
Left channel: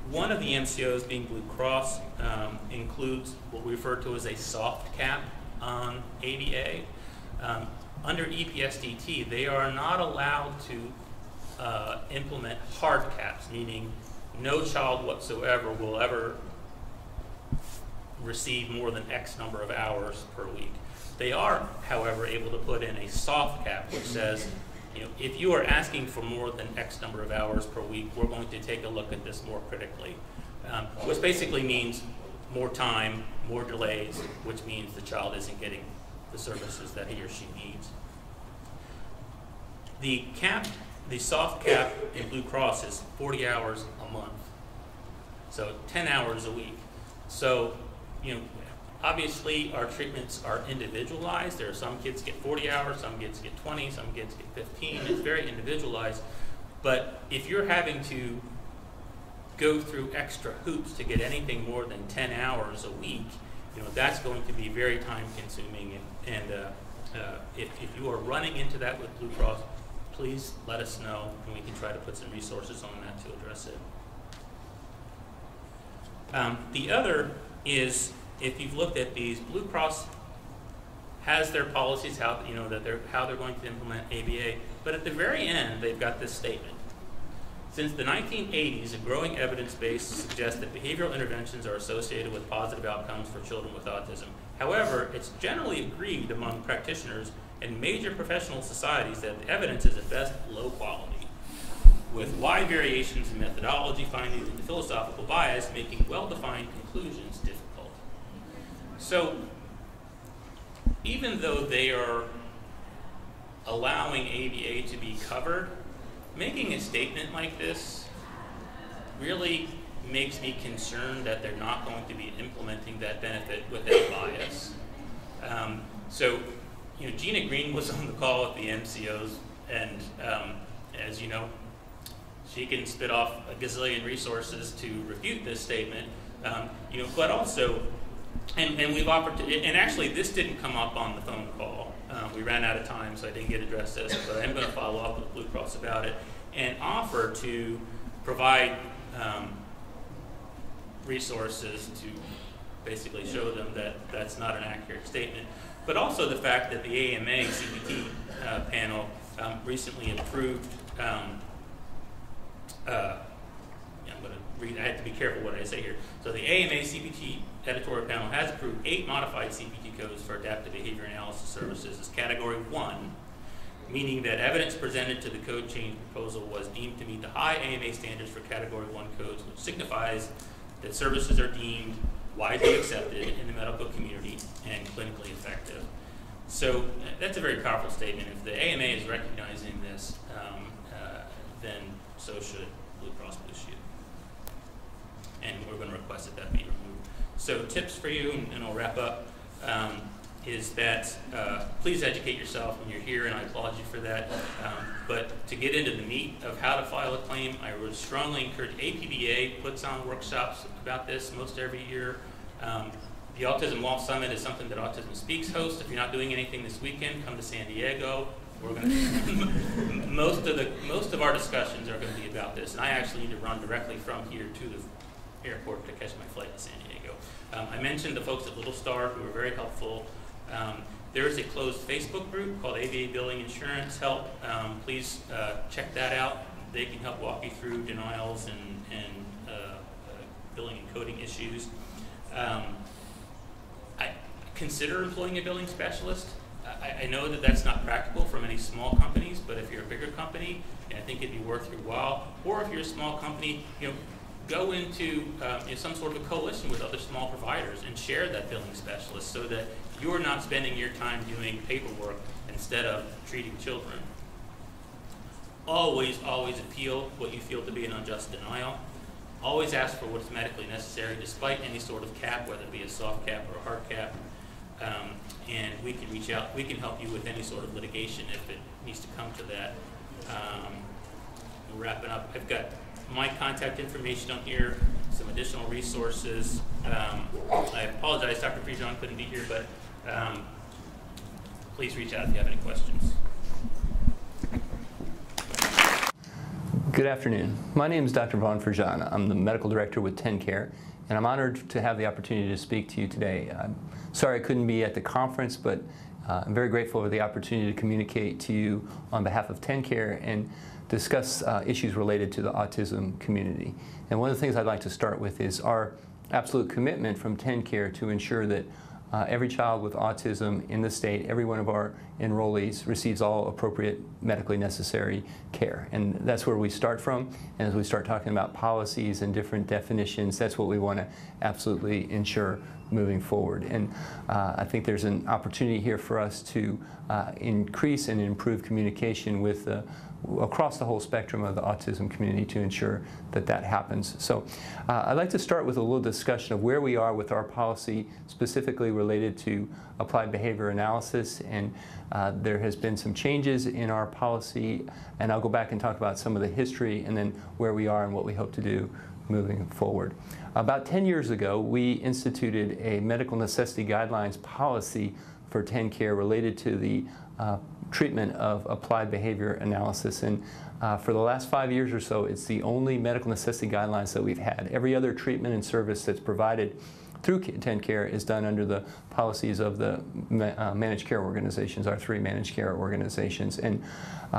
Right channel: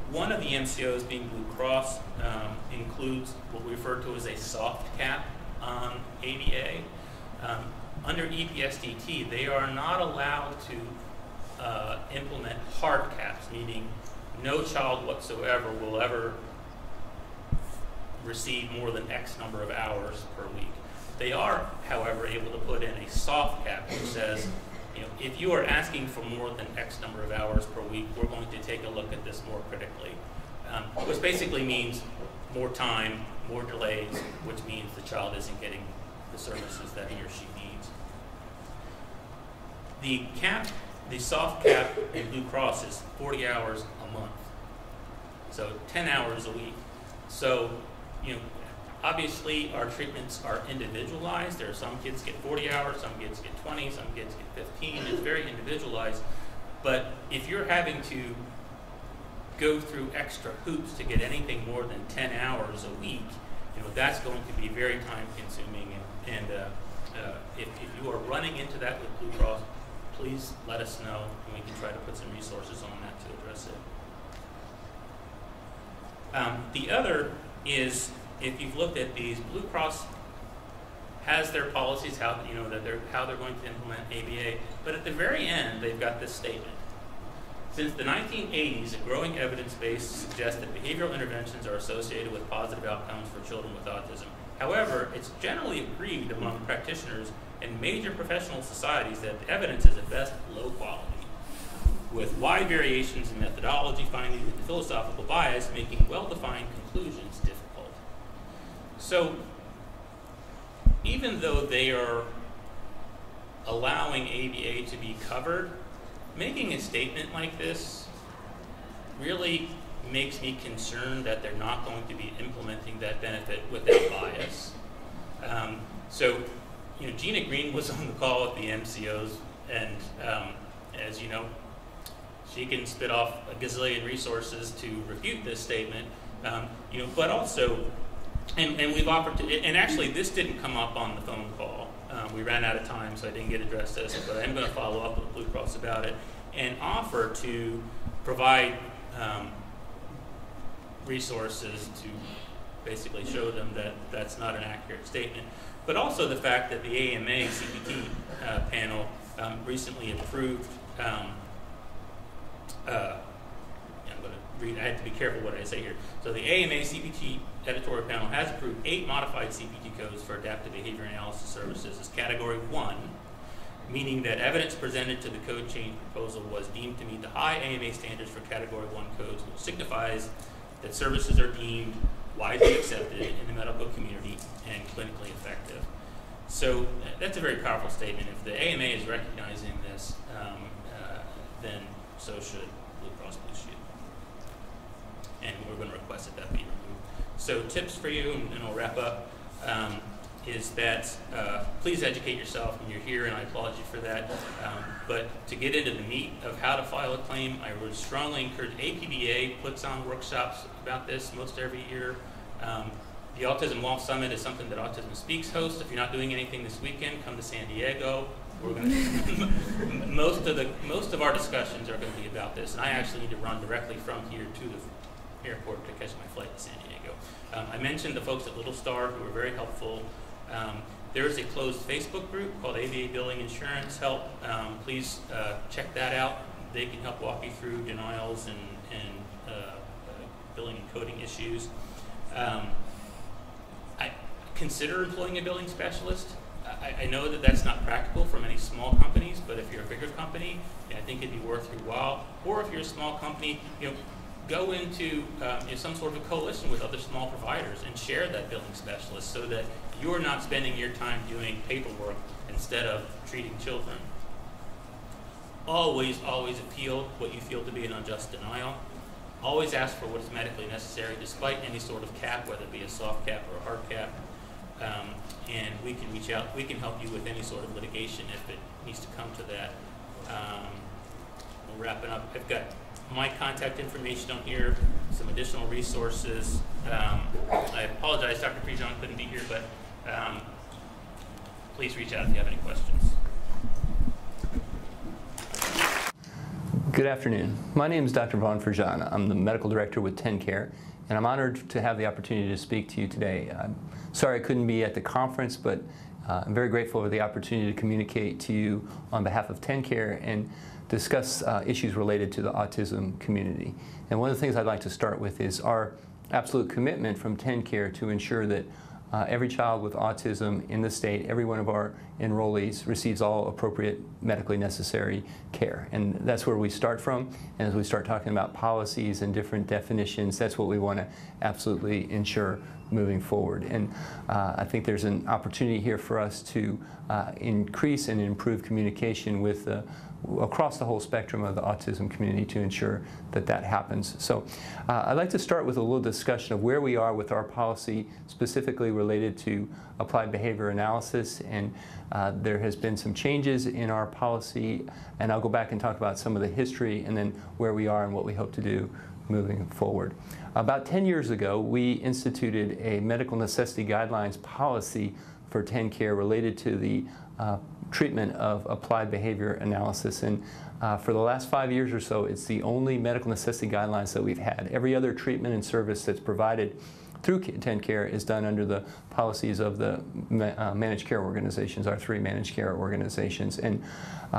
One of the MCOs, being Blue Cross, includes what we refer to as a soft cap on ABA. Under EPSDT, they are not allowed to implement hard caps, meaning no child whatsoever will ever receive more than X number of hours per week. They are, however, able to put in a soft cap which says, you know, if you are asking for more than X number of hours per week, we're going to take a look at this more critically. Which basically means more time, more delays, which means the child isn't getting the services that he or she needs. The soft cap in Blue Cross is 40 hours a month, so 10 hours a week. So, you know, obviously our treatments are individualized. There are some kids get 40 hours, some kids get 20, some kids get 15. It's very individualized. But if you're having to go through extra hoops to get anything more than 10 hours a week, you know, that's going to be very time consuming. And if you are running into that with Blue Cross, please let us know, and we can try to put some resources on that to address it. The other is, if you've looked at these, Blue Cross has their policies, how they're going to implement ABA, but at the very end, they've got this statement. Since the 1980s, a growing evidence base suggests that behavioral interventions are associated with positive outcomes for children with autism. However, it's generally agreed among practitioners and major professional societies that the evidence is at best low quality, with wide variations in methodology, findings, and philosophical bias, making well-defined conclusions difficult. So even though they are allowing ABA to be covered, making a statement like this really makes me concerned that they're not going to be implementing that benefit without bias. So, you know, Gina Green was on the call with the MCOs, and as you know, she can spit off a gazillion resources to refute this statement. You know, but also, and we've offered to, and actually this didn't come up on the phone call. We ran out of time, so I didn't get addressed this, but I'm going to follow up with Blue Cross about it and offer to provide resources to basically show them that that's not an accurate statement. But also the fact that the AMA CPT panel recently approved, I'm going to read, I have to be careful what I say here. So the AMA CPT editorial panel has approved 8 modified CPT codes for adaptive behavior analysis services as Category 1, meaning that evidence presented to the code change proposal was deemed to meet the high AMA standards for Category 1 codes, which signifies that services are deemed widely accepted in the medical community and clinically effective. So that's a very powerful statement. If the AMA is recognizing this, then so should Blue Cross Blue Shield. And we're going to request that that be removed. So tips for you, and I'll wrap up, is that please educate yourself when you're here, and I applaud you for that. But to get into the meat of how to file a claim, I would strongly encourage, APBA puts on workshops about this most every year. The Autism Law Summit is something that Autism Speaks hosts. If you're not doing anything this weekend, come to San Diego. We're going to most of our discussions are going to be about this, and I actually need to run directly from here to the airport to catch my flight to San Diego. I mentioned the folks at Little Star who were very helpful. There is a closed Facebook group called ABA Billing Insurance Help. Please check that out. They can help walk you through denials and billing and coding issues. I consider employing a billing specialist. I know that that's not practical for many small companies, but if you're a bigger company, I think it'd be worth your while. Or if you're a small company, you know, go into some sort of a coalition with other small providers and share that billing specialist so that you're not spending your time doing paperwork instead of treating children. Always, always appeal what you feel to be an unjust denial. Always ask for what's medically necessary despite any sort of cap, whether it be a soft cap or a hard cap. And we can reach out, we can help you with any sort of litigation if it needs to come to that. We'll wrap it up. I've got my contact information on here, some additional resources. I apologize, Dr. Frigon couldn't be here, but please reach out if you have any questions. Good afternoon. My name is Dr. Vaughn Frigon. I'm the Medical Director with TennCare, and I'm honored to have the opportunity to speak to you today. I'm sorry I couldn't be at the conference, but I'm very grateful for the opportunity to communicate to you on behalf of TennCare and discuss issues related to the autism community. And one of the things I'd like to start with is our absolute commitment from TennCare to ensure that every child with autism in the state, every one of our enrollees receives all appropriate medically necessary care. And that's where we start from. And as we start talking about policies and different definitions, that's what we want to absolutely ensure moving forward. And I think there's an opportunity here for us to increase and improve communication with across the whole spectrum of the autism community to ensure that that happens. So I'd like to start with a little discussion of where we are with our policy specifically related to applied behavior analysis. And there has been some changes in our policy, and I'll go back and talk about some of the history and then where we are and what we hope to do moving forward. About 10 years ago, we instituted a medical necessity guidelines policy for TennCare related to the treatment of applied behavior analysis. And for the last 5 years or so, it's the only medical necessity guidelines that we've had. Every other treatment and service that's provided through TennCare is done under the policies of the managed care organizations, our 3 managed care organizations. And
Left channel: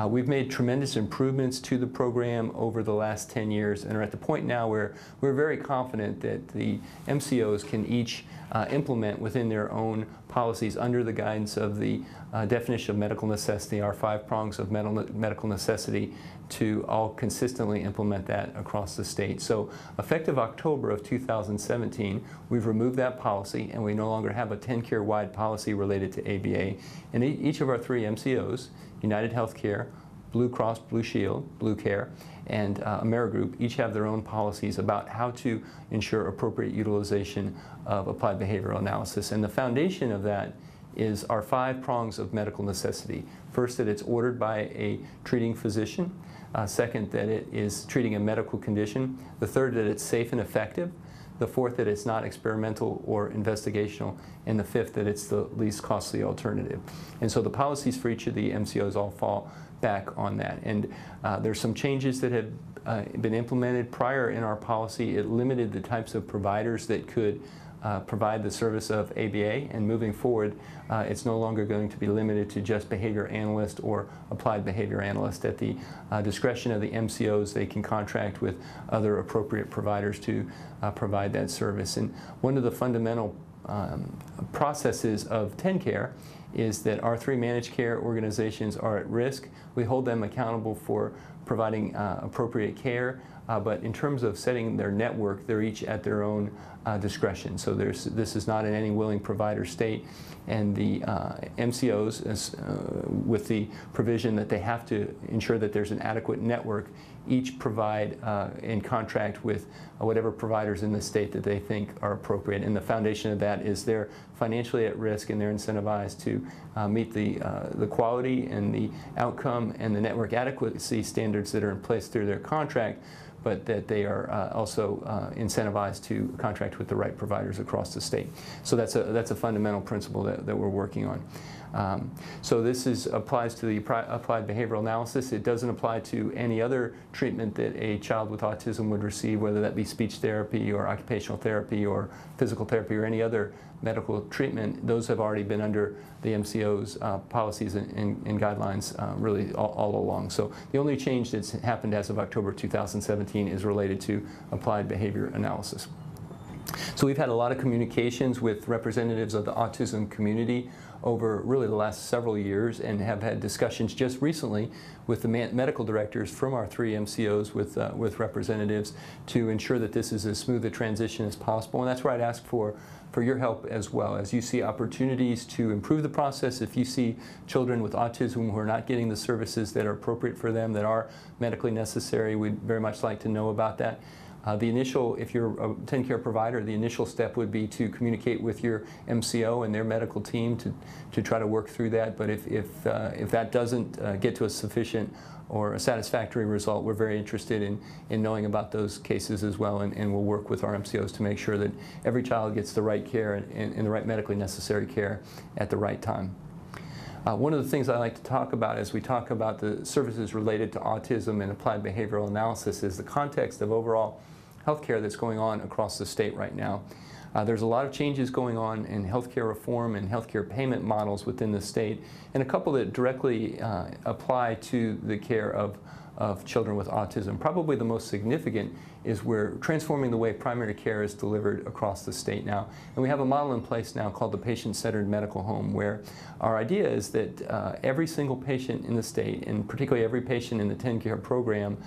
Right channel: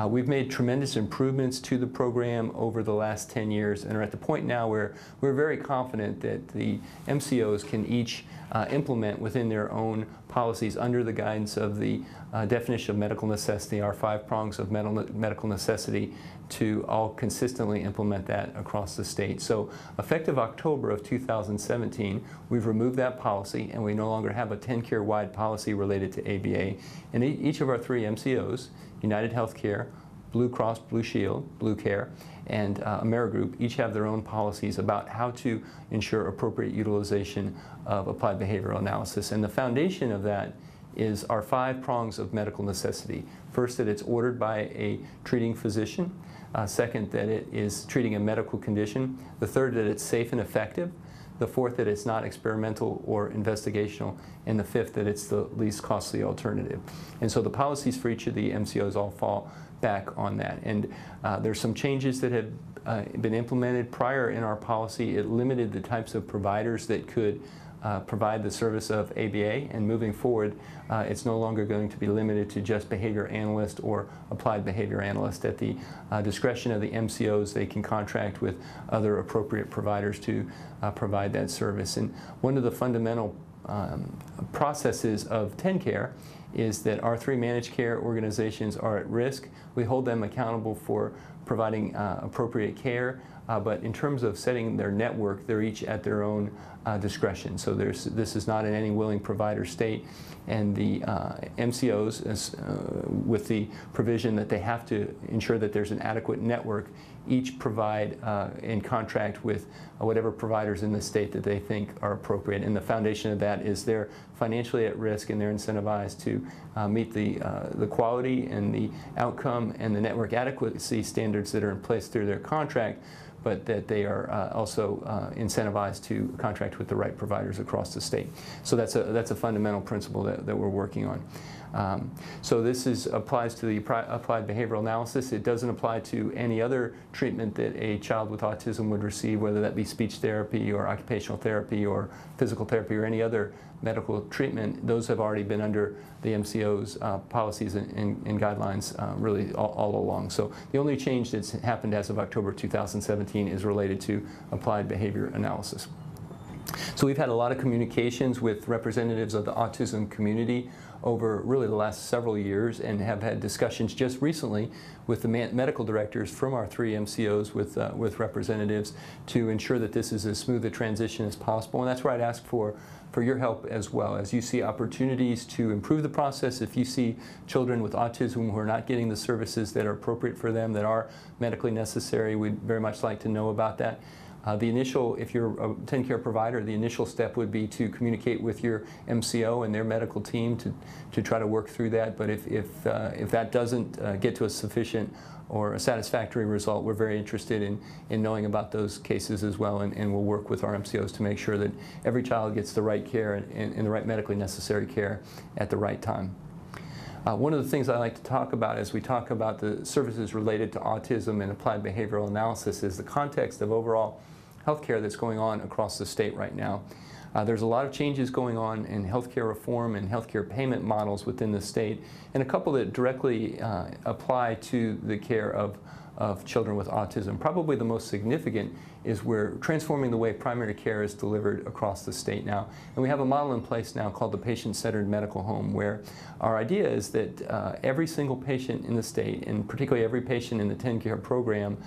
we've made tremendous improvements to the program over the last 10 years and are at the point now where we're very confident that the MCOs can each implement within their own policies under the guidance of the definition of medical necessity, our 5 prongs of medical necessity, to all consistently implement that across the state. So effective October of 2017, we've removed that policy and we no longer have a TennCare-wide policy related to ABA, and each of our 3 MCOs, United Healthcare, Blue Cross Blue Shield, Blue Care, and AmeriGroup, each have their own policies about how to ensure appropriate utilization of applied behavioral analysis. And the foundation of that is our 5 prongs of medical necessity. First, that it's ordered by a treating physician. Second, that it is treating a medical condition. The third, that it's safe and effective. The fourth, that it's not experimental or investigational. And the fifth, that it's the least costly alternative. And so the policies for each of the MCOs all fall back on that. And there's some changes that have been implemented. Prior in our policy, it limited the types of providers that could provide the service of ABA, and moving forward, it's no longer going to be limited to just behavior analyst or applied behavior analyst. At the discretion of the MCOs, they can contract with other appropriate providers to provide that service. And one of the fundamental processes of TennCare is that our 3 managed care organizations are at risk. We hold them accountable for providing appropriate care, but in terms of setting their network, they're each at their own discretion. So this is not in any willing provider state, and the MCOs, with the provision that they have to ensure that there's an adequate network, each provide and contract with whatever providers in the state that they think are appropriate. And the foundation of that is they're financially at risk, and they're incentivized to meet the quality and the outcome and the network adequacy standards that are in place through their contract, but that they are also incentivized to contract with the right providers across the state. So that's a fundamental principle that we're working on. So this applies to the applied behavioral analysis. It doesn't apply to any other treatment that a child with autism would receive, whether that be speech therapy or occupational therapy or physical therapy or any other medical treatment. Those have already been under the MCO's policies and guidelines really all along. So the only change that's happened as of October 2017 is related to applied behavior analysis. So we've had a lot of communications with representatives of the autism community over really the last several years, and have had discussions just recently with the medical directors from our 3 MCOs with representatives to ensure that this is as smooth a transition as possible. And that's where I'd ask for your help as well. As you see opportunities to improve the process, if you see children with autism who are not getting the services that are appropriate for them, that are medically necessary, we'd very much like to know about that. The initial, if you're a TennCare provider, the initial step would be to communicate with your MCO and their medical team to try to work through that. But if that doesn't get to a sufficient or a satisfactory result, we're very interested in knowing about those cases as well, and we'll work with our MCOs to make sure that every child gets the right care and the right medically necessary care at the right time. One of the things I like to talk about as we talk about the services related to autism and applied behavioral analysis is the context of overall healthcare that's going on across the state right now. There's a lot of changes going on in healthcare reform and healthcare payment models within the state, and a couple that directly apply to the care of children with autism. Probably the most significant is we're transforming the way primary care is delivered across the state now. And we have a model in place now called the patient-centered medical home, where our idea is that every single patient in the state, and particularly every patient in the TennCare program,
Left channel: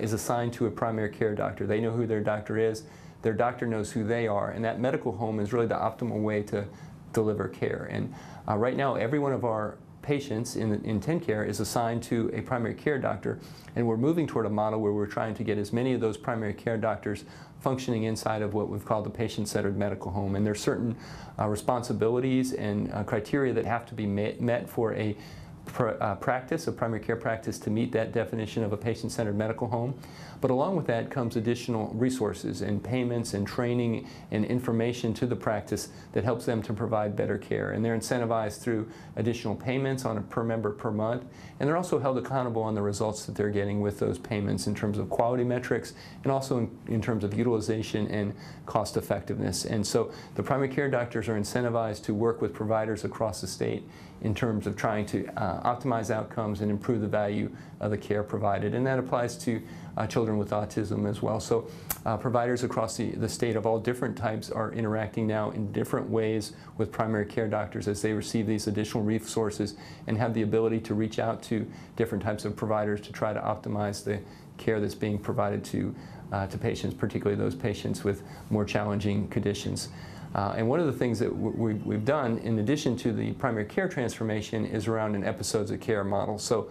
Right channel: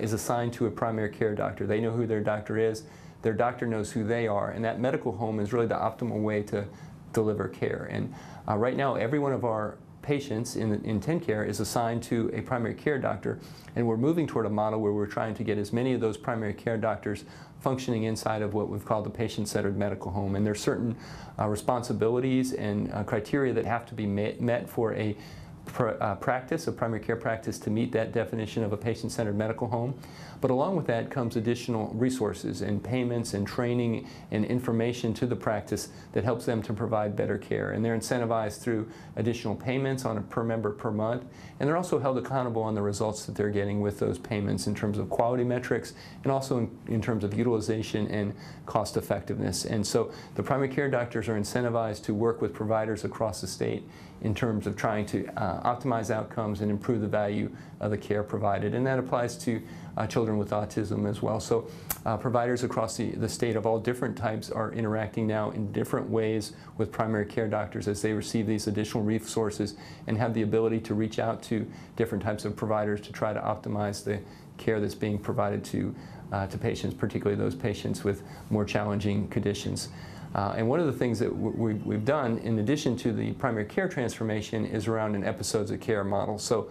is assigned to a primary care doctor. They know who their doctor is, their doctor knows who they are, and that medical home is really the optimal way to deliver care. And right now, every one of our patients in TennCare is assigned to a primary care doctor, and we're moving toward a model where we're trying to get as many of those primary care doctors functioning inside of what we've called the patient-centered medical home. And there's certain responsibilities and criteria that have to be met for a practice, a primary care practice, to meet that definition of a patient-centered medical home. But along with that comes additional resources and payments and training and information to the practice that helps them to provide better care. And they're incentivized through additional payments on a per member per month. And they're also held accountable on the results that they're getting with those payments in terms of quality metrics and also in terms of utilization and cost effectiveness. And so the primary care doctors are incentivized to work with providers across the state in terms of trying to optimize outcomes and improve the value of the care provided. And that applies to children with autism as well. So providers across the state of all different types are interacting now in different ways with primary care doctors as they receive these additional resources and have the ability to reach out to different types of providers to try to optimize the care that's being provided to patients, particularly those patients with more challenging conditions. And one of the things that we've done, in addition to the primary care transformation, is around an episodes of care model. So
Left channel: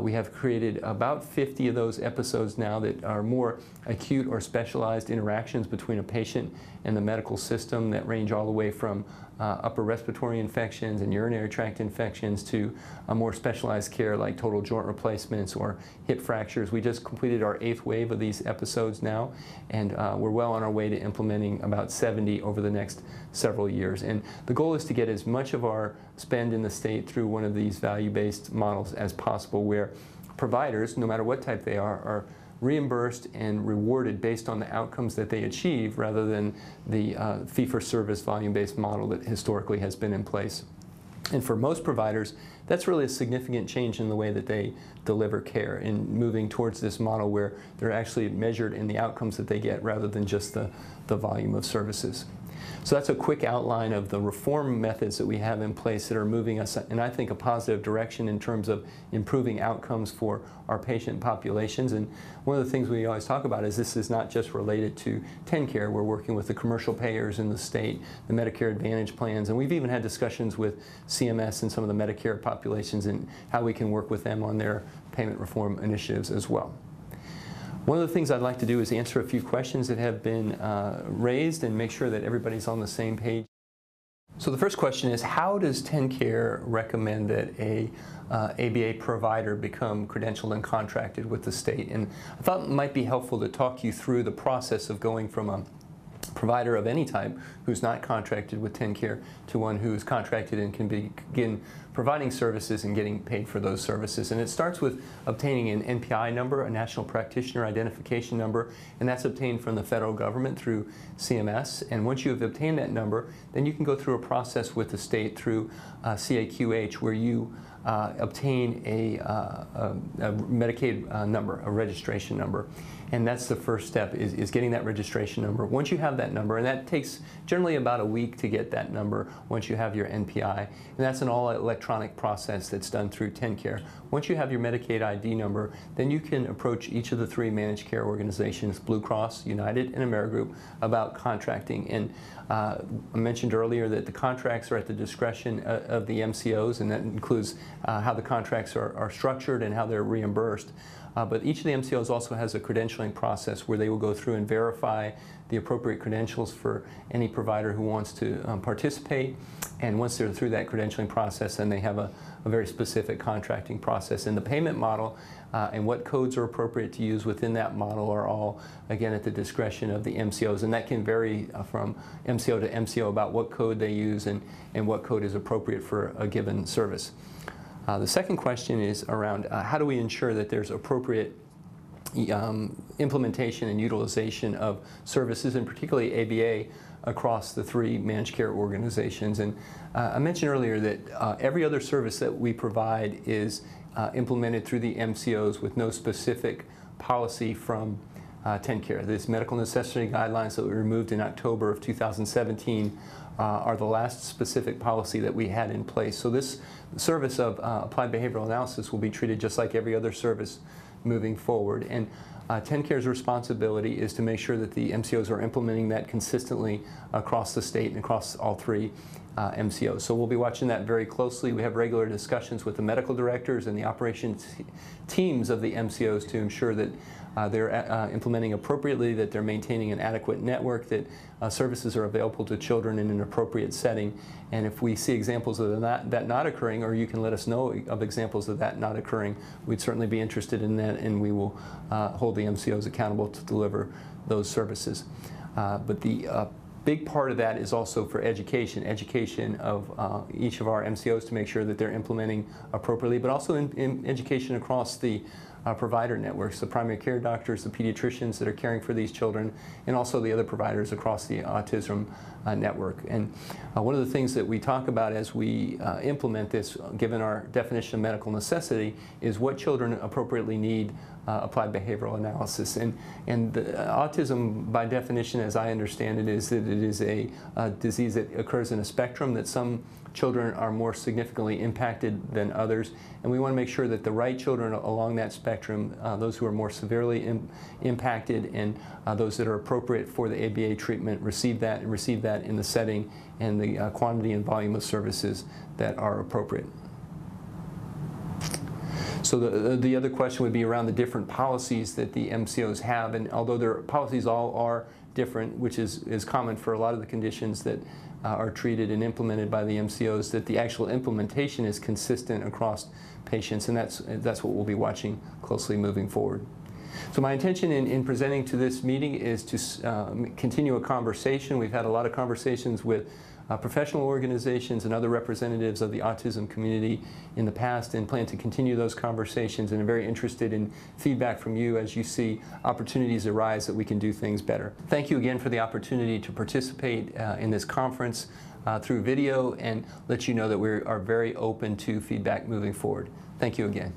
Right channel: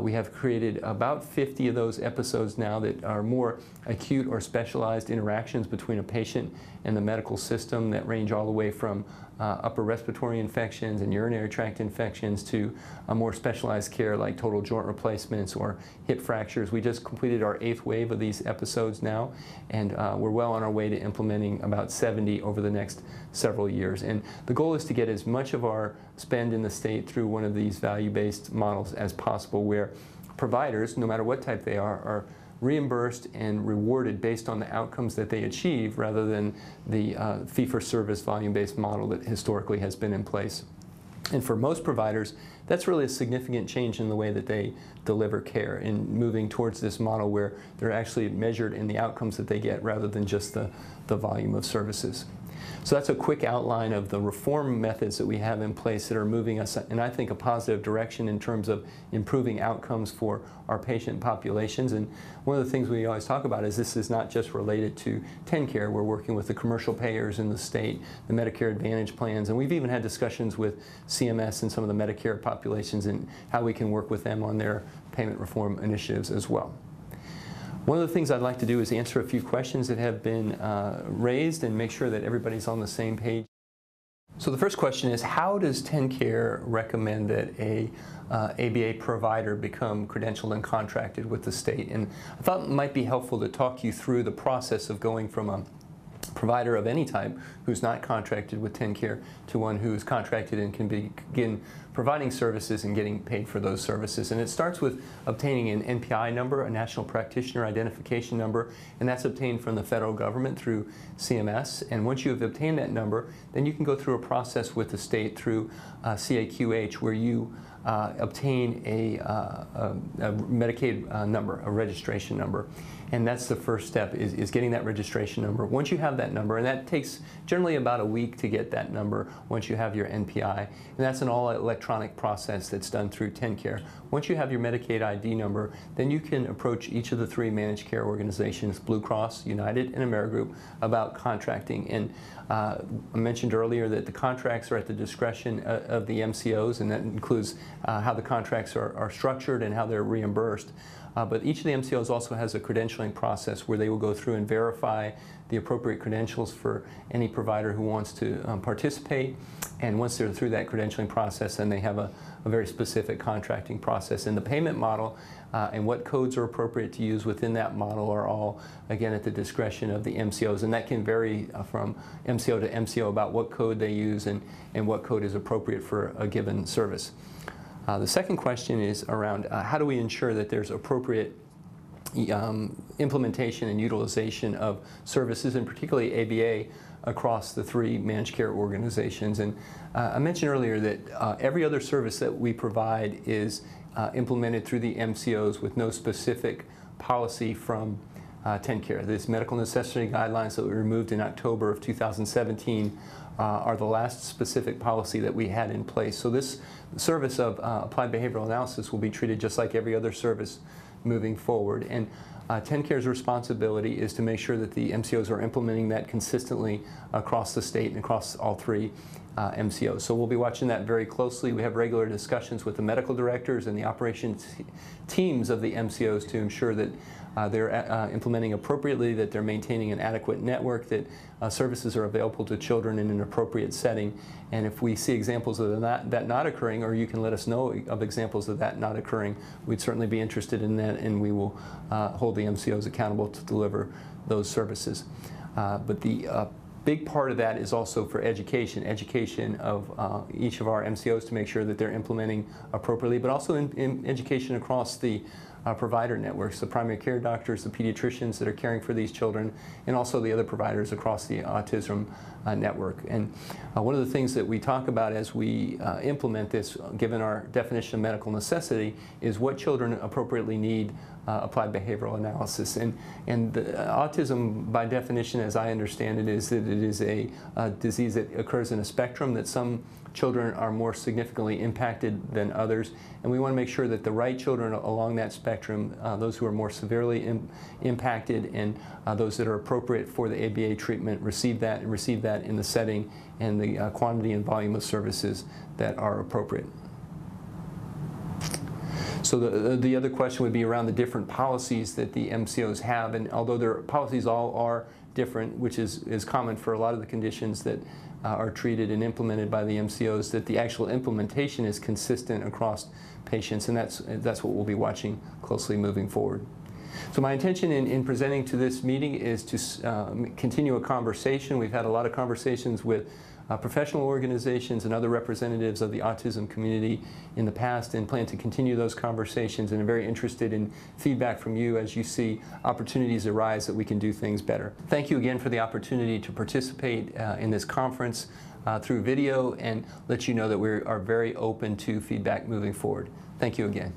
we have created about 50 of those episodes now that are more acute or specialized interactions between a patient and the medical system that range all the way from upper respiratory infections and urinary tract infections to a more specialized care like total joint replacements or hip fractures. We just completed our 8th wave of these episodes now, and we're well on our way to implementing about 70 over the next several years. And the goal is to get as much of our spend in the state through one of these value-based models as possible, where providers, no matter what type they are reimbursed and rewarded based on the outcomes that they achieve rather than the fee-for-service volume-based model that historically has been in place. And for most providers, that's really a significant change in the way that they deliver care, in moving towards this model where they're actually measured in the outcomes that they get rather than just the volume of services. So that's a quick outline of the reform methods that we have in place that are moving us in, I think, a positive direction in terms of improving outcomes for our patient populations. And one of the things we always talk about is this is not just related to TennCare. We're working with the commercial payers in the state, the Medicare Advantage plans, and we've even had discussions with CMS and some of the Medicare populations and how we can work with them on their payment reform initiatives as well. One of the things I'd like to do is answer a few questions that have been raised and make sure that everybody's on the same page. So the first question is, how does TennCare recommend that a ABA provider become credentialed and contracted with the state? And I thought it might be helpful to talk you through the process of going from a provider of any type who's not contracted with TennCare to one who's contracted and can begin providing services and getting paid for those services. And it starts with obtaining an NPI number, a National Practitioner Identification Number, and that's obtained from the federal government through CMS. And once you have obtained that number, then you can go through a process with the state through CAQH where you obtain a Medicaid number, a registration number. And that's the first step, is getting that registration number. Once you have that number, and that takes generally about a week to get that number once you have your NPI, and that's an all-electronic process that's done through TennCare. Once you have your Medicaid ID number, then you can approach each of the 3 managed care organizations, Blue Cross, United, and AmeriGroup, about contracting. And I mentioned earlier that the contracts are at the discretion of the MCOs, and that includes how the contracts are structured and how they're reimbursed. But each of the MCOs also has a credentialing process where they will go through and verify the appropriate credentials for any provider who wants to participate. And once they're through that credentialing process, then they have a very specific contracting process. And the payment model and what codes are appropriate to use within that model are all, again, at the discretion of the MCOs. And that can vary from MCO to MCO about what code they use and what code is appropriate for a given service. The second question is around how do we ensure that there's appropriate implementation and utilization of services, and particularly ABA, across the 3 managed care organizations. And I mentioned earlier that every other service that we provide is implemented through the MCOs with no specific policy from TennCare. These medical necessity guidelines that we removed in October of 2017 are the last specific policy that we had in place. So this service of applied behavioral analysis will be treated just like every other service moving forward. And TennCare's responsibility is to make sure that the MCOs are implementing that consistently across the state and across all 3 MCOs. So we'll be watching that very closely. We have regular discussions with the medical directors and the operations teams of the MCOs to ensure that they're implementing appropriately, that they're maintaining an adequate network, that services are available to children in an appropriate setting. And if we see examples of that not occurring, or you can let us know of examples of that not occurring, we'd certainly be interested in that, and we will hold the MCOs accountable to deliver those services. But the big part of that is also for education of each of our MCOs to make sure that they're implementing appropriately, but also in education across the provider networks, the primary care doctors, the pediatricians that are caring for these children, and also the other providers across the autism network. And one of the things that we talk about as we implement this, given our definition of medical necessity, is what children appropriately need applied behavioral analysis. And autism, by definition, as I understand it, is that it is a disease that occurs in a spectrum, that some children are more significantly impacted than others. And we want to make sure that the right children along that spectrum, those who are more severely impacted and those that are appropriate for the ABA treatment, receive that in the setting and the quantity and volume of services that are appropriate. So the other question would be around the different policies that the MCOs have, and although their policies all are different, which is common for a lot of the conditions that are treated and implemented by the MCOs, that the actual implementation is consistent across patients, and that's what we'll be watching closely moving forward. So my intention in presenting to this meeting is to continue a conversation. We've had a lot of conversations with professional organizations and other representatives of the autism community in the past, and plan to continue those conversations, and are very interested in feedback from you as you see opportunities arise that we can do things better. Thank you again for the opportunity to participate in this conference through video, and let you know that we are very open to feedback moving forward. Thank you again.